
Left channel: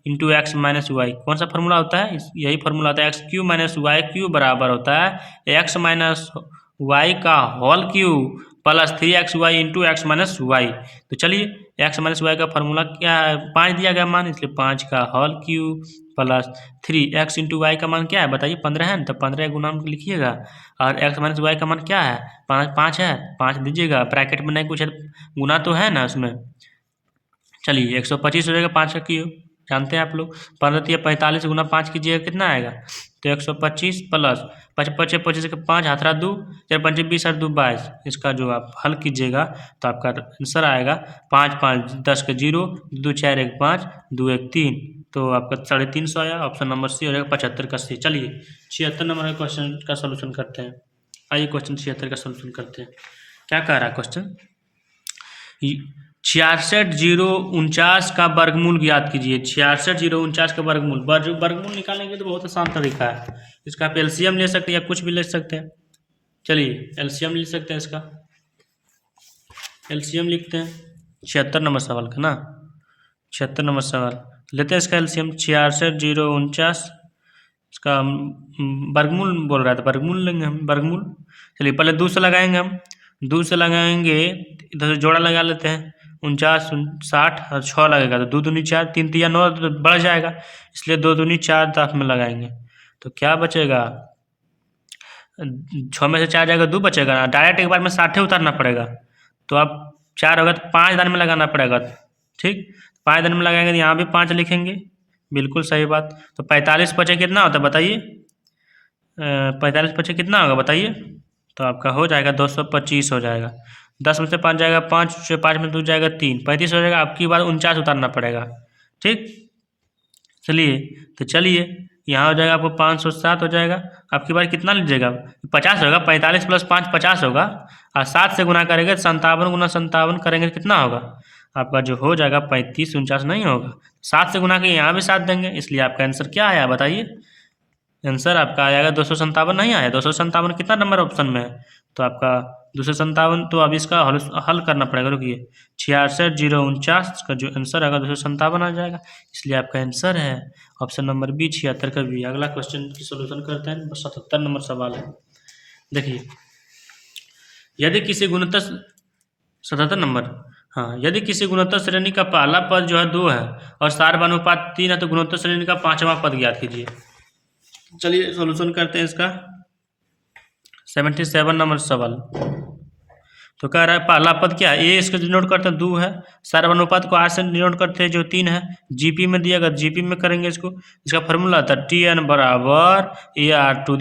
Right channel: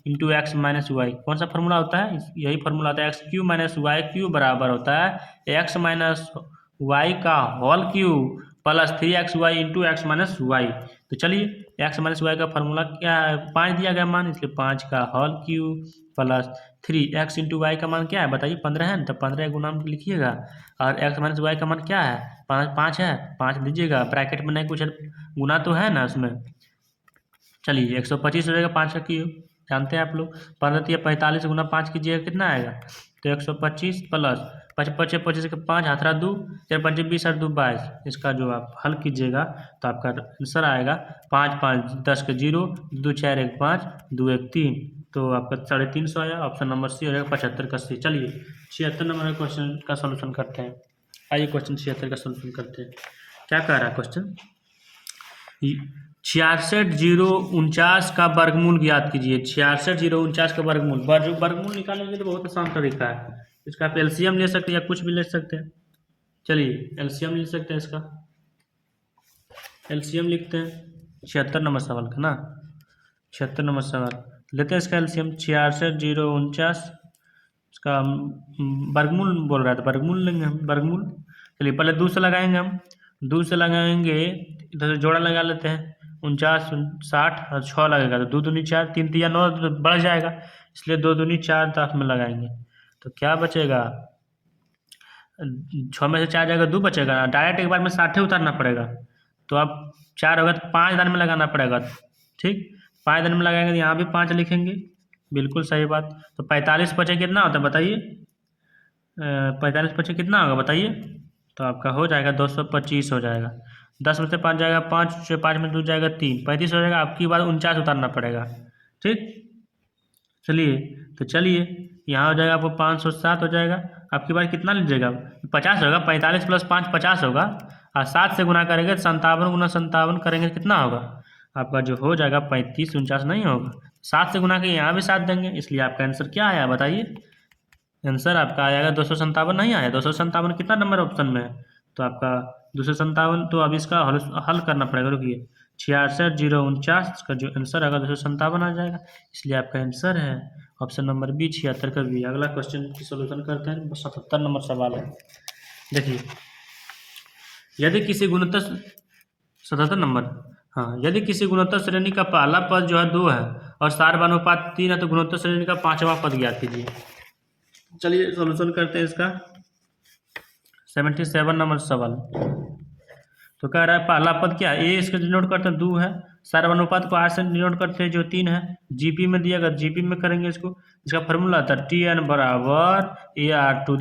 into x - y। कौन सा फॉर्मूला होता है, यही फॉर्मूला होता है x³ - y³ बराबर होता है x - y का whole cube plus 3xy into x - y। तो चलिए x - y का फॉर्मूला क्या है 5 दिया गया मान, इसलिए 5 का whole cube plus 3x into y का मान क्या है बताइए 15 है, तो 15 गुना लिखिएगा। और x - y का मान क्या है 5 है, 5 दीजिएगा, ब्रैकेट में नहीं कुछ गुना तो है ना उसमें। चलिए 125 हो जाएगा 5 का क्यूब, जानते हैं आप लोग। 15 × 45 गुना 5 कीजिएगा कितना आएगा, तो 125 प्लस 25 25 के 5 हाथ रहा 2, 4 5 20 और 2 22। इसका जो आप हल कीजिएगा तो आपका आंसर आएगा 5 5 10 के 0, 2 4 1 5, 2 1 3। तो आपका 350 आया, ऑप्शन नंबर सी हो जाएगा 75 का सी। चलिए 76 नंबर क्वेश्चन का सोल्यूशन करते हैं। आइए क्वेश्चन 76 का सोल्यूशन करते हैं। क्या कह रहा है क्वेश्चन, 66,049 का वर्गमूल ज्ञात कीजिए। 66,049 का वर्गमूल निकालने के लिए तो बहुत आसान तरीका है। इसका आप एलसीएम ले सकते हैं या कुछ भी ले सकते हैं। चलिए एलसीएम ले सकते हैं, इसका एलसीएम लिखते हैं 76 नंबर सवाल का ना। 76 नंबर सवाल लेते हैं इसका एलसीएम 66,049, इसका वर्गमूल बोल रहा था, वर्गमूल लेंगे हम वर्गमूल। चलिए पहले 2 से लगाएंगे हम, 2 से लगाएंगे, इधर से जोड़ा लगा लेते हैं, 49 60 और 6 लगेगा तो 2 दूनी 4, 3 तिया 9 तो बढ़ जाएगा, इसलिए 2 दूनी 4 दांत में लगाएंगे तो क्या बचेगा, 6 में से 4 जाएगा 2 बचेगा, डायरेक्ट एक बार में 60 उतारना पड़ेगा, तो अब 4 होगा तो 5 दान में लगाना पड़ेगा। ठीक, 5 दान में लगाएंगे तो यहाँ भी 5 लिखेंगे, बिल्कुल सही बात। तो 45 पचे कितना होता है बताइए, 45 पचे कितना होगा बताइए, तो आपका हो जाएगा 225 हो जाएगा। 10 में से 5 जाएगा 5, 5 में 2 जाएगा 3, 35 हो जाएगा। आपकी बार 49 उतारना पड़ेगा। ठीक, चलिए तो चलिए यहाँ हो जाएगा आपको 507 हो जाएगा। आपकी बार कितना लीजिएगा, 50 होगा, 45 + 5 50 होगा, और 7 से गुना करेंगे 57 × 57 करेंगे कितना होगा, आपका जो हो जाएगा 35 49 नहीं होगा। 7 से गुना के यहाँ भी 7 देंगे, इसलिए आपका आंसर क्या आया बताइए, आंसर आपका आएगा 257 नहीं आया। 257 कितना नंबर ऑप्शन में है, तो आपका 257, तो अब इसका हल करना पड़ेगा, रुकिए, 66 0 49 का जो आंसर आएगा 257 आ जाएगा, इसलिए आपका आंसर है ऑप्शन नंबर बी 76 का बी। अगला क्वेश्चन की सोल्यूशन करते हैं, 77 नंबर सवाल है। देखिए, यदि किसी गुणोत्तर 77 नंबर, हाँ, यदि किसी गुणोत्तर श्रेणी का पहला पद जो है 2 है और सार्वनुपात 3 है तो गुणोत्तर श्रेणी का 5वां पद ज्ञात कीजिए। चलिए सॉल्यूशन करते हैं इसका। 77 नंबर सवाल, तो कह रहा है पहला पद क्या है, ए इसको डिनोट करते हैं 2 है, सार्वनुपात को 8 से डिनोट करते हैं जो 3 है, जीपी में दिया गया जीपी में करेंगे इसको। इसका फॉर्मूला था TN बराबर AR⁴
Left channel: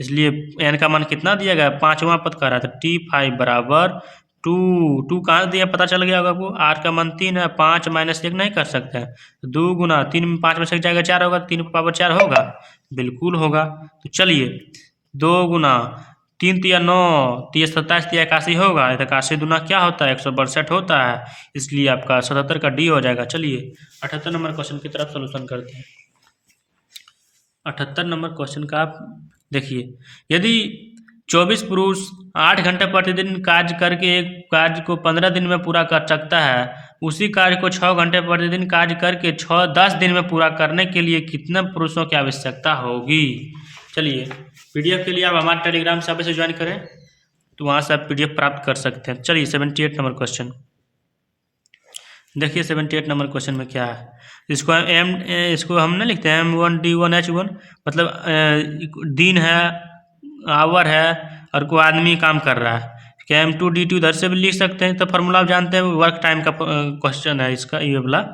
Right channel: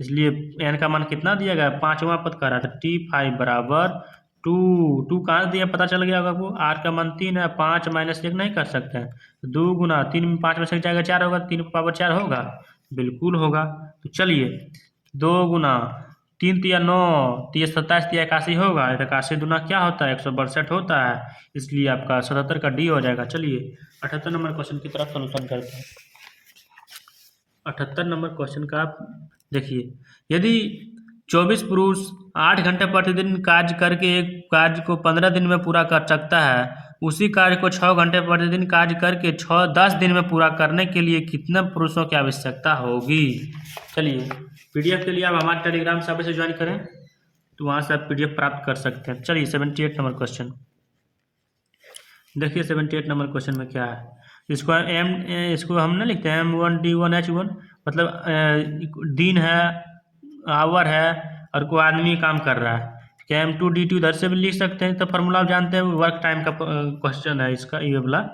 इसलिए n का मान कितना दिया गया, 5वां पद कह रहा था, T5 बराबर 2 कहाँ दिया पता चल गया होगा आपको, R का मान 3 है, 5 - 1 नहीं कर सकते हैं, 2 × 3 में 5 में से जाएगा 4 होगा, 3 पावर 4 होगा, बिल्कुल होगा। तो चलिए 2 × 3 × 9 × 27 × 81 होगा, 81 दूना क्या होता है 162 होता है, इसलिए आपका 77 का डी हो जाएगा। चलिए 78 नंबर क्वेश्चन की तरफ सोल्यूशन करते हैं। 78 नंबर क्वेश्चन का आप देखिए, यदि 24 पुरुष 8 घंटे प्रतिदिन कार्य करके एक कार्य को 15 दिन में पूरा कर सकता है, उसी कार्य को 6 घंटे प्रतिदिन कार्य करके 10 दिन में पूरा करने के लिए कितने पुरुषों की आवश्यकता होगी। चलिए PDF के लिए आप हमारे टेलीग्राम सर्विस से ज्वाइन करें तो वहाँ से आप PDF प्राप्त कर सकते हैं। चलिए 78 नंबर क्वेश्चन देखिए, 78 नंबर क्वेश्चन में क्या है, इसको हम नहीं लिखते हैं M1 D1 H1, मतलब दिन है, आवर है और कोई आदमी काम कर रहा है, क्या M2 D2 इधर से भी लिख सकते हैं, तो फार्मूला आप जानते हैं, वर्क टाइम का क्वेश्चन है इसका, ये वाला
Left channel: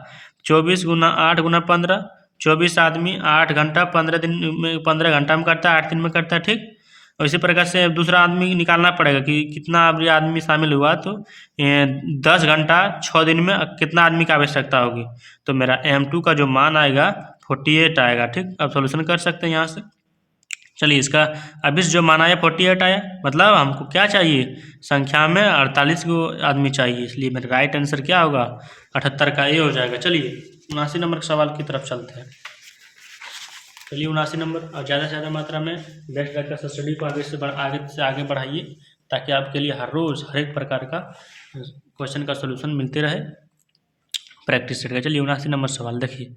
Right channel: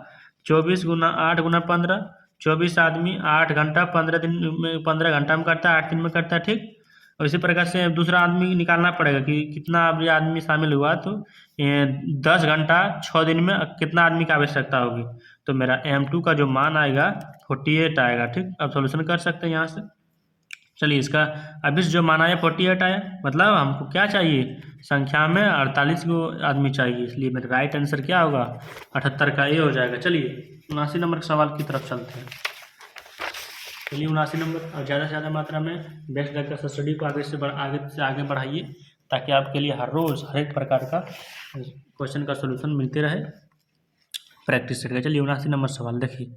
24 × 8 × 15, 24 आदमी 8 घंटा 15 दिन में 15 घंटा में करता है, 8 दिन में करता है। ठीक, और इसी प्रकार से दूसरा आदमी निकालना पड़ेगा कि कितना आदमी शामिल हुआ, तो 10 घंटा 6 दिन में कितना आदमी की आवश्यकता होगी, तो मेरा M2 का जो मान आएगा 48 आएगा। ठीक, अब सॉल्यूशन कर सकते हैं यहाँ से। चलिए इसका अभी जो मान आया 48 आया, मतलब हमको क्या चाहिए, संख्या में 48 को आदमी चाहिए, इसलिए मेरा राइट आंसर क्या होगा 78 का ए हो जाएगा। चलिए 79 नंबर सवाल की तरफ चलते हैं। चलिए 79 नंबर, और ज़्यादा से ज़्यादा मात्रा में बेस्ट रखकर स्टडी को आगे बढ़ाइए, ताकि आपके लिए हर रोज़ हर एक प्रकार का क्वेश्चन का सोल्यूशन मिलते रहे प्रैक्टिस सेट का। चलिए 79 नंबर सवाल देखिए,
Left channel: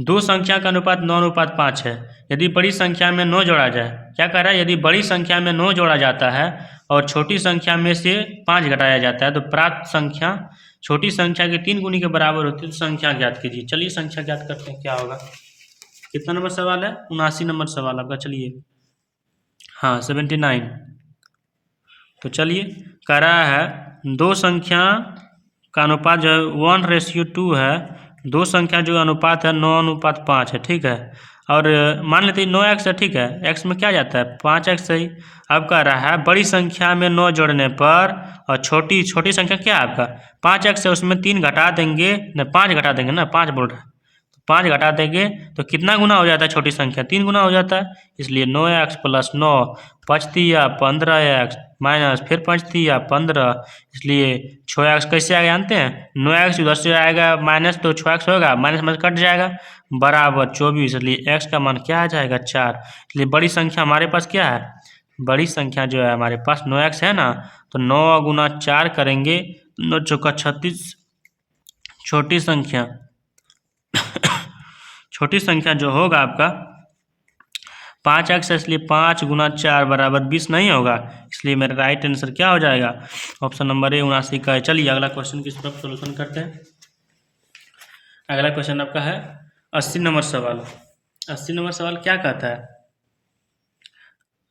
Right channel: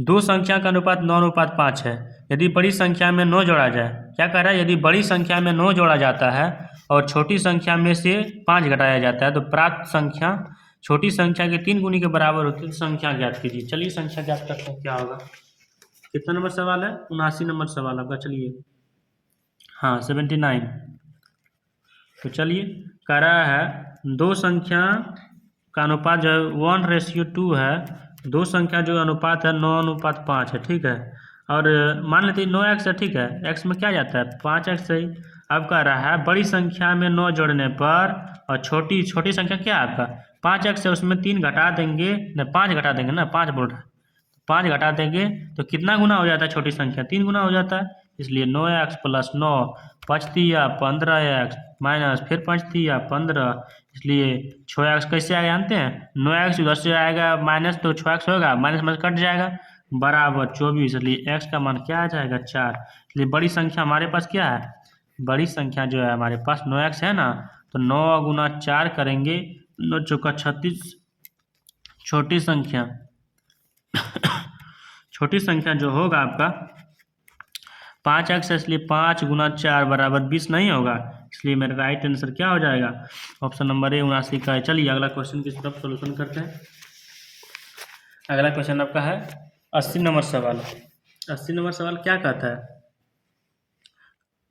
2 संख्या का अनुपात 9:5 है, यदि बड़ी संख्या में 9 जोड़ा जाए, क्या कह रहा है, यदि बड़ी संख्या में 9 जोड़ा जाता है और छोटी संख्या में से 5 घटाया जाता है तो प्राप्त संख्या छोटी संख्या के 3 गुनी के बराबर होती है, तो संख्या ज्ञात कीजिए। चलिए संख्या ज्ञात करते हैं, क्या होगा, कितना नंबर सवाल है, 79 नंबर सवाल आपका। चलिए हाँ 79, तो चलिए कह रहा है 2 संख्या का अनुपात जो है 1:2 है, 2 संख्या जो अनुपात है 9:5 है। ठीक है, और मान लेते हैं 9x है। ठीक है, x में क्या जाता है 5x सही। अब कह रहा है बड़ी संख्या में 9 जोड़ने पर और छोटी संख्या क्या है आपका 5x है, उसमें 3 घटा देंगे ना, 5 घटा देंगे ना, 5 बोल रहा है, 5 घटा देंगे तो कितना गुना हो जाता है, छोटी संख्या 3 गुना हो जाता है, इसलिए 9x + 9 5×3 15x माइनस फिर 5×3 15, इसलिए 6x कैसे आएगा जानते हैं, 9x उधर से आएगा माइनस तो 6x होगा, माइनस कट जाएगा बराबर 24, इसलिए x का मान क्या आ जाएगा 4। इसलिए बड़ी संख्या हमारे पास क्या है, बड़ी संख्या जो है हमारे पास 9x है ना, तो 9 × 4 करेंगे, 9 × 4 = 36, छोटी संख्या जो होगा आपका 5x है, इसलिए 5 गुना 4 बराबर 20 नहीं होगा, इसलिए मेरा राइट आंसर क्या हो जाएगा, ऑप्शन नंबर ए 79 का है। चलिए अगला क्वेश्चन की तरफ सोल्यूशन करते हैं। अगला क्वेश्चन आपका है 80 नंबर सवाल। 80 नंबर सवाल क्या कहता है,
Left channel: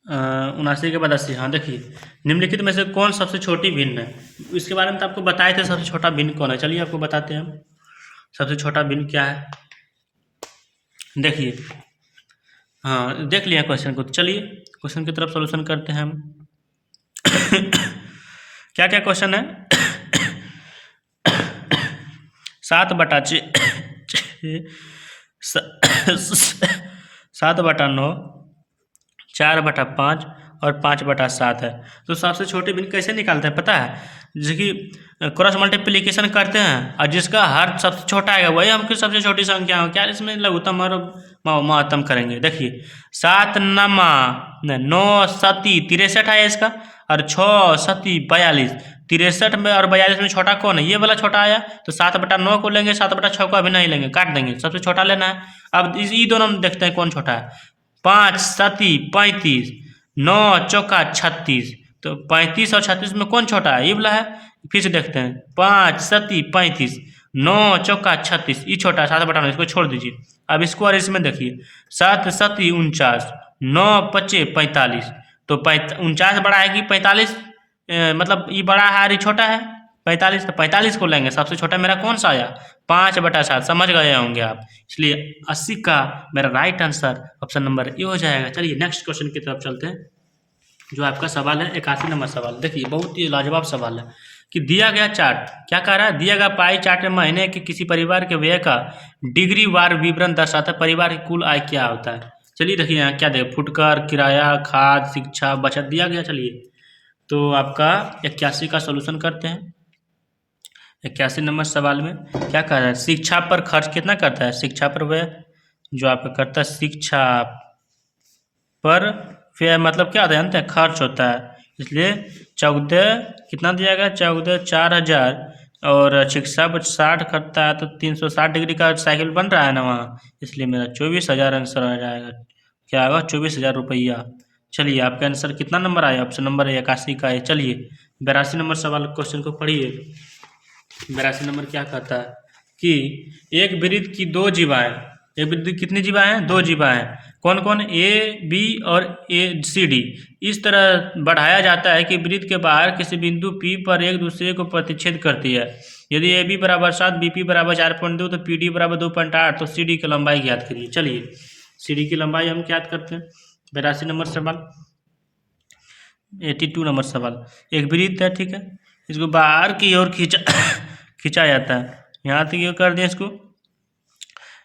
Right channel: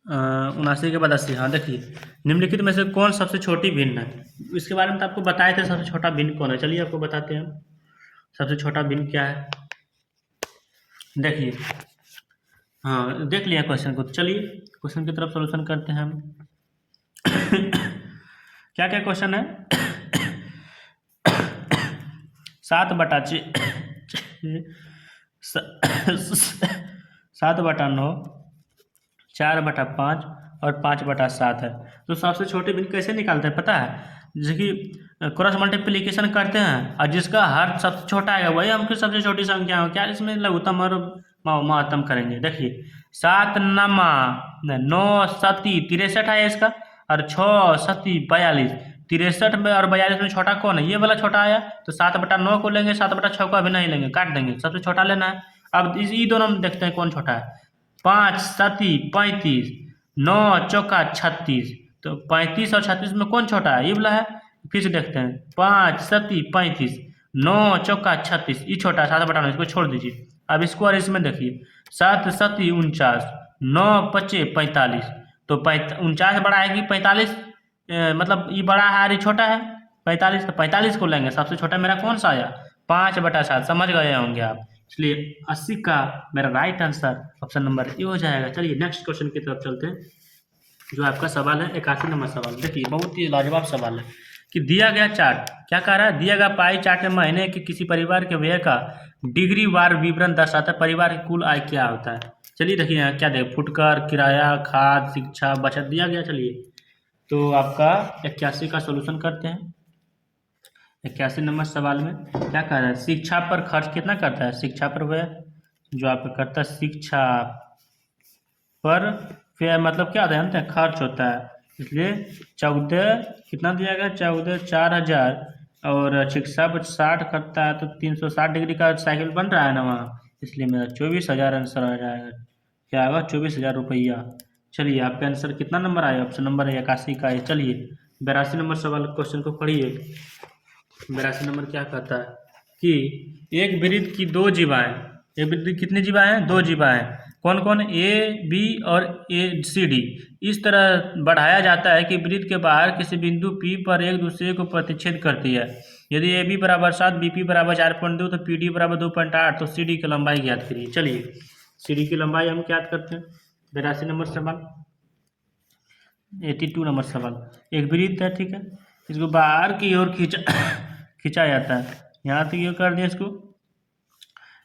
79 के बाद 80। हाँ देखिए, निम्नलिखित में से कौन सबसे छोटी भिन्न है, इसके बारे में तो आपको बताए थे सबसे छोटा भिन्न कौन है। चलिए आपको बताते हैं सबसे छोटा भिन्न क्या है। देखिए, हाँ देख लिया क्वेश्चन को, चलिए क्वेश्चन की तरफ सॉल्यूशन करते हैं हम। क्या क्या क्वेश्चन है, 7/6, 7/9, 4/5 और 5/7 है। तो सबसे छोटे भिन्न कैसे निकालते हैं पता है, जैसे कि क्रॉस मल्टीप्लिकेशन करते हैं और जिसका हर सबसे छोटा आएगा वही हमकी सबसे छोटी संख्या हो, क्या इसमें लघुत्तम और महत्तम करेंगे। देखिए 7 नमा 9 सती 63 है इसका, और 6 सती 42, 63 में और 42 में छोटा कौन है, ये वाला छोटा आया, तो 7/9 को लेंगे, 7/6 को अभी नहीं लेंगे, काट देंगे, सबसे छोटा लेना है। अब ये दोनों में देखते हैं कौन छोटा है, 5 सती 35, 9 चौका 36, तो 35 और 36 में कौन छोटा है, ये वाला है। फिर से देखते हैं, 5 सती 35, 9 चौका 36, ये छोटा है, 7/9, इसको छोड़ दीजिए। अब इसको और इसमें देखिए, 7 सती 49, 9 पचे 45, तो 49 बड़ा है कि 45, मतलब ये बड़ा है और ये छोटा है 45, तो 45 को लेंगे, सबसे छोटा मेरा कौन सा आया, 5/7, समझ गए होंगे आप। इसलिए 80 का मेरा right answer option number A हो जाएगा। चलिए नेक्स्ट क्वेश्चन की तरफ चलते हैं, जो आपका सवाल है 81 नंबर सवाल। देखिए बहुत ही लाजवाब सवाल है कि दिया गया चार्ट क्या कह रहा है, दिया गया पाई चार्ट में महीने के किसी परिवार के व्यय का डिग्री वार विवरण दर्शाता है, परिवार की कुल आय क्या होता है। चलिए देखिए यहाँ क्या देगा, फुटकर, किराया, खाद, शिक्षा, बचत दिया गया। चलिए तो आपका 81 का सोल्यूशन करते हैं। 81 नंबर सवाल में क्या कह रहा है, शिक्षा पर खर्च कितना करता है, शिक्षा पर व्यय जो आपका करता है, शिक्षा पर व्यय मतलब क्या जानते हैं, खर्च होता है, इसलिए 14 कितना दिया गया, 14 4000, और शिक्षा पर 60 करता है तो 360 डिग्री का साइकिल बन रहा है ना वहाँ, इसलिए मेरा 24,000 आंसर आ जाएगा, क्या होगा 24,000 रुपया। चलिए आपका आंसर कितना नंबर आया, ऑप्शन नंबर 81 का है। चलिए 82 नंबर सवाल क्वेश्चन को पढ़िए। 82 नंबर क्या कहता है कि एक वृत्त की 2 जीवाएं, एक वृत्त की कितनी जीवाएं हैं, 2 जीवाएं, कौन कौन, ए बी और ए सी डी, इस तरह बढ़ाया जाता है कि वृत्त के बाहर किसी बिंदु पी पर एक दूसरे को प्रतिच्छेद करती है। यदि ए बी बराबर 7, बी पी बराबर 4.2, तो पी डी बराबर 2.8, तो सी डी की लंबाई ज्ञात करिए। चलिए सी डी की लंबाई हम ज्ञात करते हैं। 82 नंबर सवाल। 82 नंबर सवाल, एक वृत्त है, ठीक है, इसको बाहर की ओर खींचा जाता है, यहाँ तक ये कर दें इसको,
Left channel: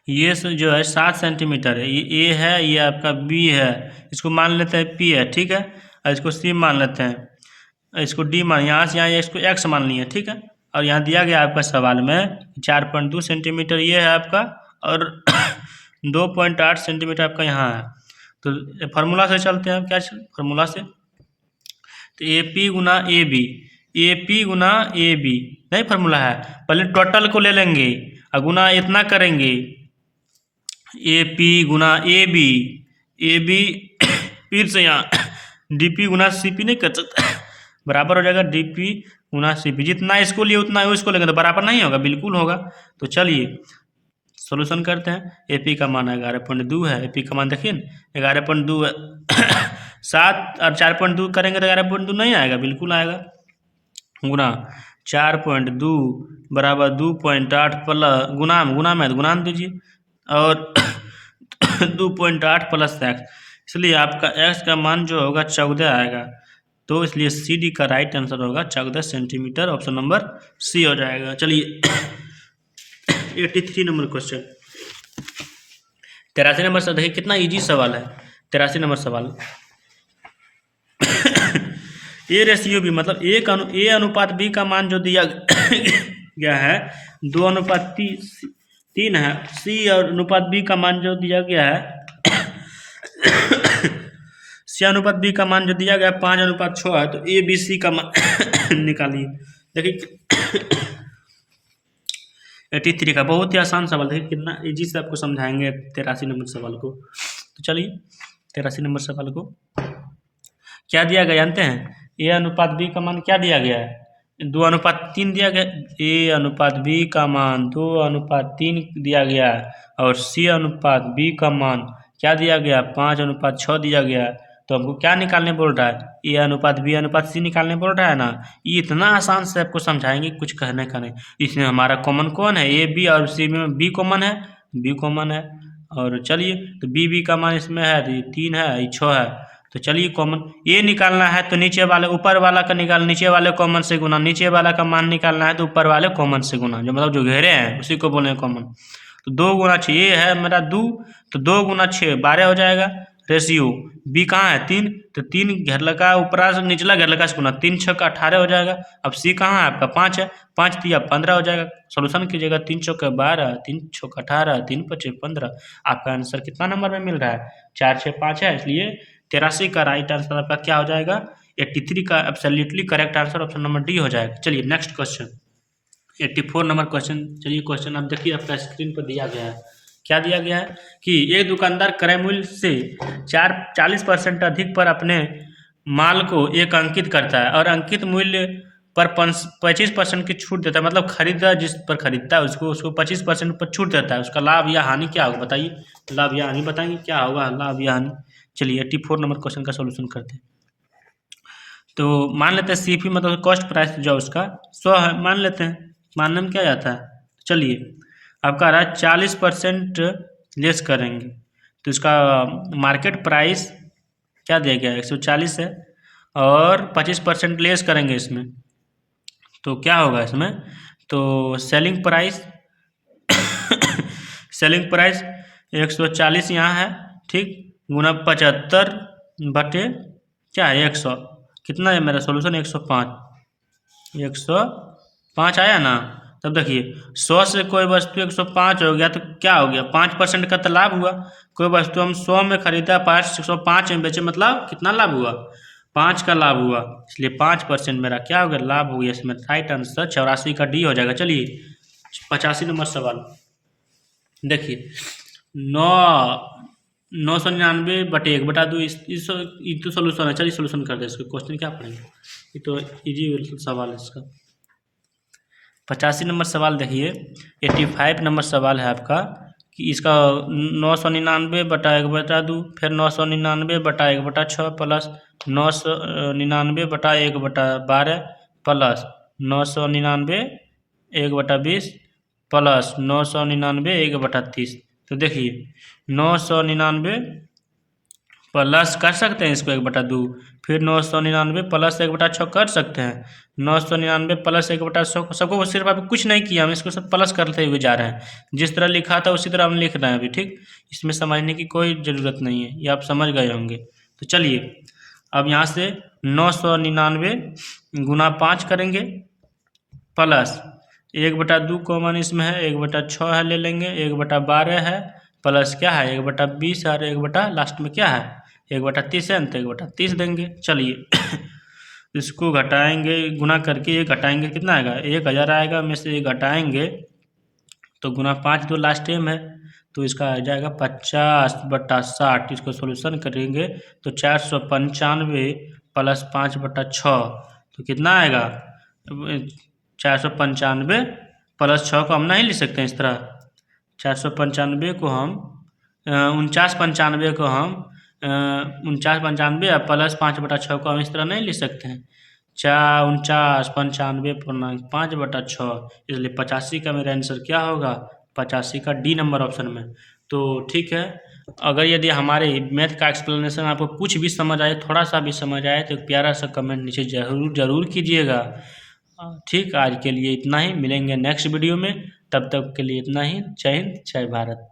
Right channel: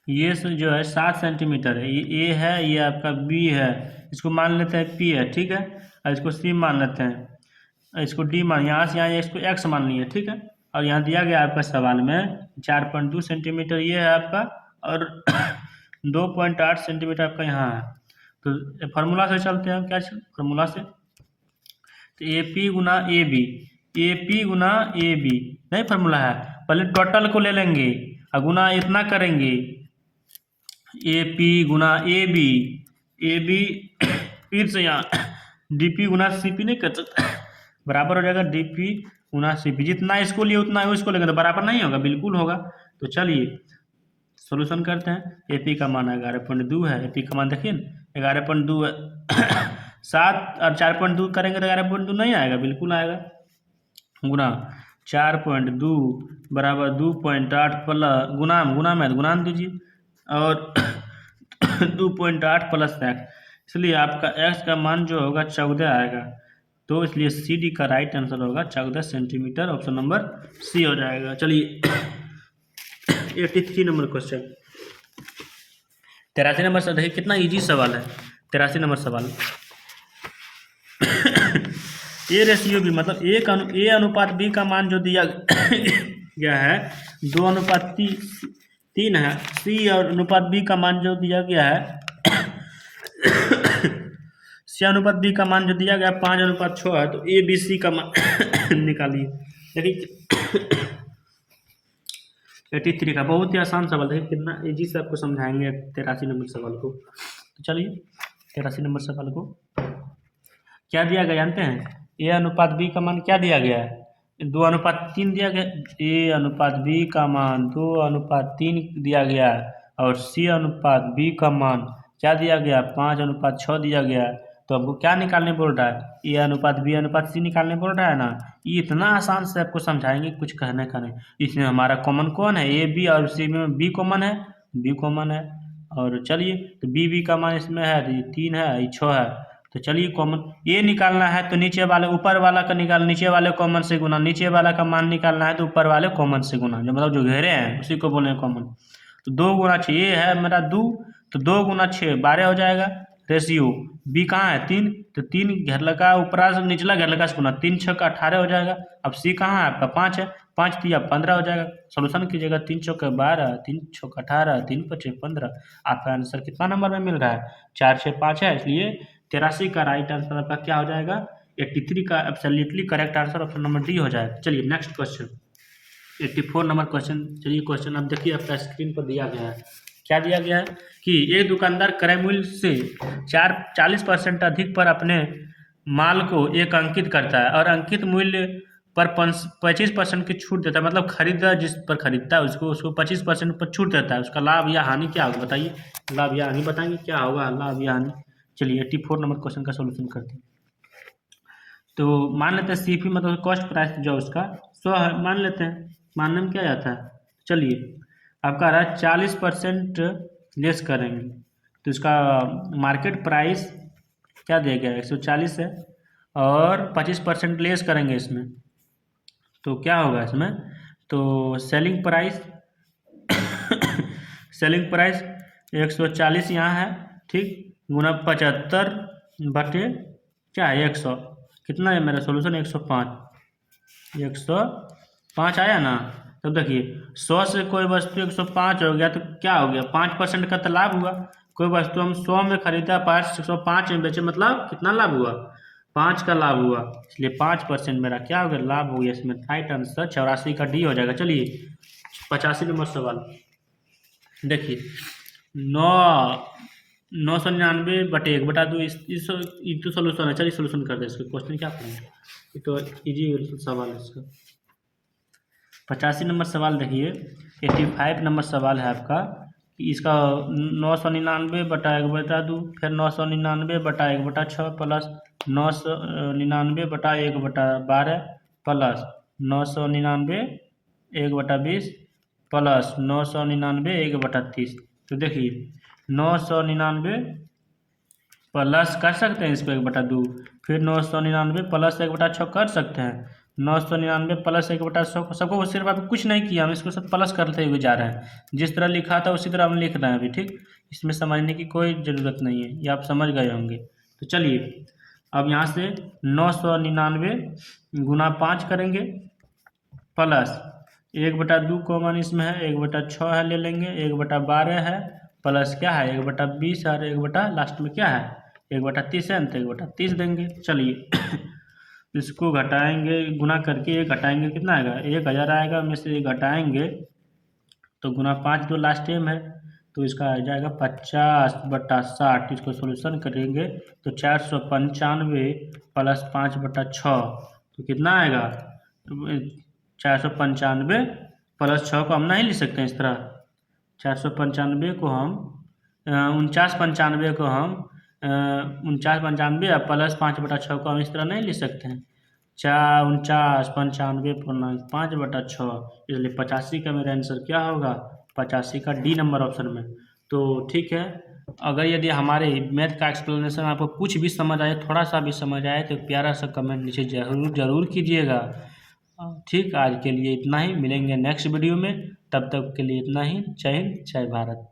ये जो है 7 सेंटीमीटर है, ये ए है, ये आपका बी है, इसको मान लेते हैं पी है, ठीक है, और इसको सी मान लेते हैं, इसको डी मान, यहाँ से यहाँ इसको एक्स मान लिए, ठीक है, और यहाँ दिया गया आपका सवाल में 4.2 सेंटीमीटर ये है आपका, और 2.8 सेंटीमीटर आपका यहाँ है। तो फार्मूला से चलते हैं, क्या फार्मूला से, तो ए पी गुना ए बी, ए पी गुना ए बी नहीं फार्मूला है, पहले टोटल को ले लेंगे और गुना इतना करेंगे, ए पी गुना ए बी फिर से यहाँ डी पी गुना सी पी नहीं कर सकते, बराबर हो जाएगा डी पी गुना सी पी, जितना इसको लिए उतना इसको लेंगे तो बराबर नहीं होगा, बिल्कुल होगा। तो चलिए सॉल्यूशन करते हैं। ए पी का मान 11.2 है, ए पी का मान देखिए 11.2 है, 7 और 4.2 करेंगे तो 11.2 नहीं आएगा, बिल्कुल आएगा, गुना 4.2 बराबर 2.8 प्लस गुना में गुणान दीजिए, और 2.8 प्लस एक्स, इसलिए आपका एक्स का मान जो होगा 14 आएगा, तो इसलिए सी डी का राइट आंसर होगा 14 सेंटीमीटर, ऑप्शन नंबर सी हो जाएगा। चलिए 83 नंबर क्वेश्चन। 83 नंबर से देखिए कितना इजी सवाल है। 83 नंबर सवाल, ए रेशियो बी मतलब ए अनुपात बी का मान जो दिया गया है 2:3 है, सी अनुपात बी का मान जो दिया गया है सी अनुपात बी का मान जो दिया गया 5:6 है, तो ए बी सी का मान निकालिए। देखिए 83 का बहुत ही आसान सवाल है, कितना इजी से आपको समझाएंगे 83 नंबर सवाल को। तो चलिए 83 नंबर सवाल को क्या दिया गया जानते हैं? ए अनुपात बी का मान क्या दिया गया है? 2:3 दिया गया। ए अनुपात बी का मान 2:3 दिया गया है और सी अनुपात बी का मान क्या दिया गया? 5:6 दिया गया है। तो हमको क्या निकालने बोल रहा है? ए अनुपात बी अनुपात सी निकालने बोल रहा है ना। ये इतना आसान से आपको समझाएंगे, कुछ कहने का नहीं। इसमें हमारा कॉमन कौन है? ए बी, और सी में बी कॉमन है, बी कॉमन है। और चलिए, तो बी का मान इसमें है, तो ये 3 है, ये 6 है। तो चलिए कॉमन ये निकालना है तो नीचे वाले ऊपर वाला का निकाल, नीचे वाले कॉमन से गुना, नीचे वाला का मान निकालना है तो ऊपर वाले कॉमन से गुना, जो मतलब जो घेरे हैं उसी को बोले कॉमन। तो 2 गुना 6, ये है मेरा 2, तो 2 गुना 6 12 हो जाएगा। रेशियो बी कहाँ है? 3, तो 3 घेर लगा ऊपरा से निचला घेर लगा से गुना, 3 6 18 हो जाएगा। अब सी कहाँ है आपका? 5 है, 5 दिया 15 हो जाएगा। सोल्यूशन कीजिएगा, 3 चौके 12, 3 छक 18, 3 पचे 15। आपका आंसर कितना नंबर में मिल रहा है? 4 6 5 है, इसलिए 83 का राइट आंसर आपका क्या हो जाएगा? 83 का absolutely correct answer option number D हो जाएगा। चलिए नेक्स्ट क्वेश्चन, 84 नंबर क्वेश्चन। चलिए क्वेश्चन आप देखिए, आपका स्क्रीन पर दिया गया है। क्या दिया गया है कि एक दुकानदार क्रय मूल्य से 40% अधिक पर अपने माल को एक अंकित करता है और अंकित मूल्य पर 25% की छूट देता है। मतलब खरीदार जिस पर खरीदता है उसको 25% पर छूट देता है। उसका लाभ या हानि क्या होगा बताइए? लाभ या हानि बताइए क्या होगा, लाभ या हानि। चलिए 84 नंबर क्वेश्चन का सोल्यूशन करते हैं। तो मान लेते हैं सीपी मतलब कॉस्ट प्राइस जो उसका 100 है, मान लेते हैं। मानने में क्या जाता है? चलिए आपका रहा 40% लेस करेंगे तो इसका मार्केट प्राइस क्या दिया गया? 140 है और 25% लेस करेंगे इसमें तो क्या होगा इसमें? तो सेलिंग प्राइस सेलिंग प्राइस 140 यहाँ है, ठीक, गुना 75 बटे क्या है? 100। कितना है मेरा सोल्यूशन? 105। 105 आया ना। तब देखिए 100 से कोई वस्तु 105 हो गया तो क्या हो गया? 5% का तो लाभ हुआ। कोई वस्तु हम 100 में खरीदा, 105 में बेचे, मतलब कितना लाभ हुआ? 5 का लाभ हुआ, इसलिए 5% मेरा क्या हो गया? लाभ हो गया। इसमें राइट आंसर 84 का डी हो जाएगा। चलिए 85 नंबर सवाल देखिए, 999 बटे 1/2 इस तो सोल्यूशन है। चलिए सोल्यूशन कर दे इसको। क्वेश्चन क्या पढ़ेंगे, ये तो इजी सवाल है इसका। 85 नंबर सवाल देखिए, 85 नंबर सवाल है आपका कि इसका 999 बटा 1/2, फिर 999 बटा 1/6 प्लस 999 बटा 1/12 प्लस 999 1/20 प्लस 999 1/30। तो देखिए 999 प्लस कर सकते हैं इसको 1/2, फिर 999 प्लस 1/6 कर सकते हैं। 999 प्लस 1/6 सबको सिर्फ अभी कुछ नहीं किया, हम इसको सब प्लस करते हुए जा रहे हैं। जिस तरह लिखा था उसी तरह हम लिख रहे हैं अभी, ठीक। इसमें समझने की कोई ज़रूरत नहीं है, ये आप समझ गए होंगे। तो चलिए अब यहाँ से 999 गुना 5 करेंगे प्लस 1/2 कॉमन इसमें है, 1/6 है ले लेंगे, 1/12 है प्लस क्या है 1/20 और 1 लास्ट में क्या है 1/30 है, तो 1/30 देंगे। चलिए इसको घटाएंगे, गुना करके ये घटाएंगे, कितना आएगा 1000 आएगा। में से ये घटाएंगे तो गुना 5 जो लास्ट टाइम है, तो इसका आ जाएगा 50/60। इसको सोल्यूशन करेंगे तो 495 प्लस 5/6 तो कितना आएगा 495 प्लस 6 को हम नहीं लिख सकते हैं इस तरह। 495 को हम 4995 को हम 4995 प्लस 5/6 को हम इस तरह नहीं लिख सकते हैं। 49/95 इसलिए 85 का मेरा आंसर क्या होगा 85 का डी नंबर ऑप्शन में। तो ठीक है, अगर यदि हमारे मैथ का एक्सप्लेनेशन आपको कुछ भी समझ आए, थोड़ा सा भी समझ आए, तो प्यारा सा कमेंट नीचे ज़रूर कीजिएगा। ठीक, आज के लिए इतना ही, मिलेंगे नेक्स्ट वीडियो में, तब तक के लिए इतना ही। जय हिंद, जय भारत।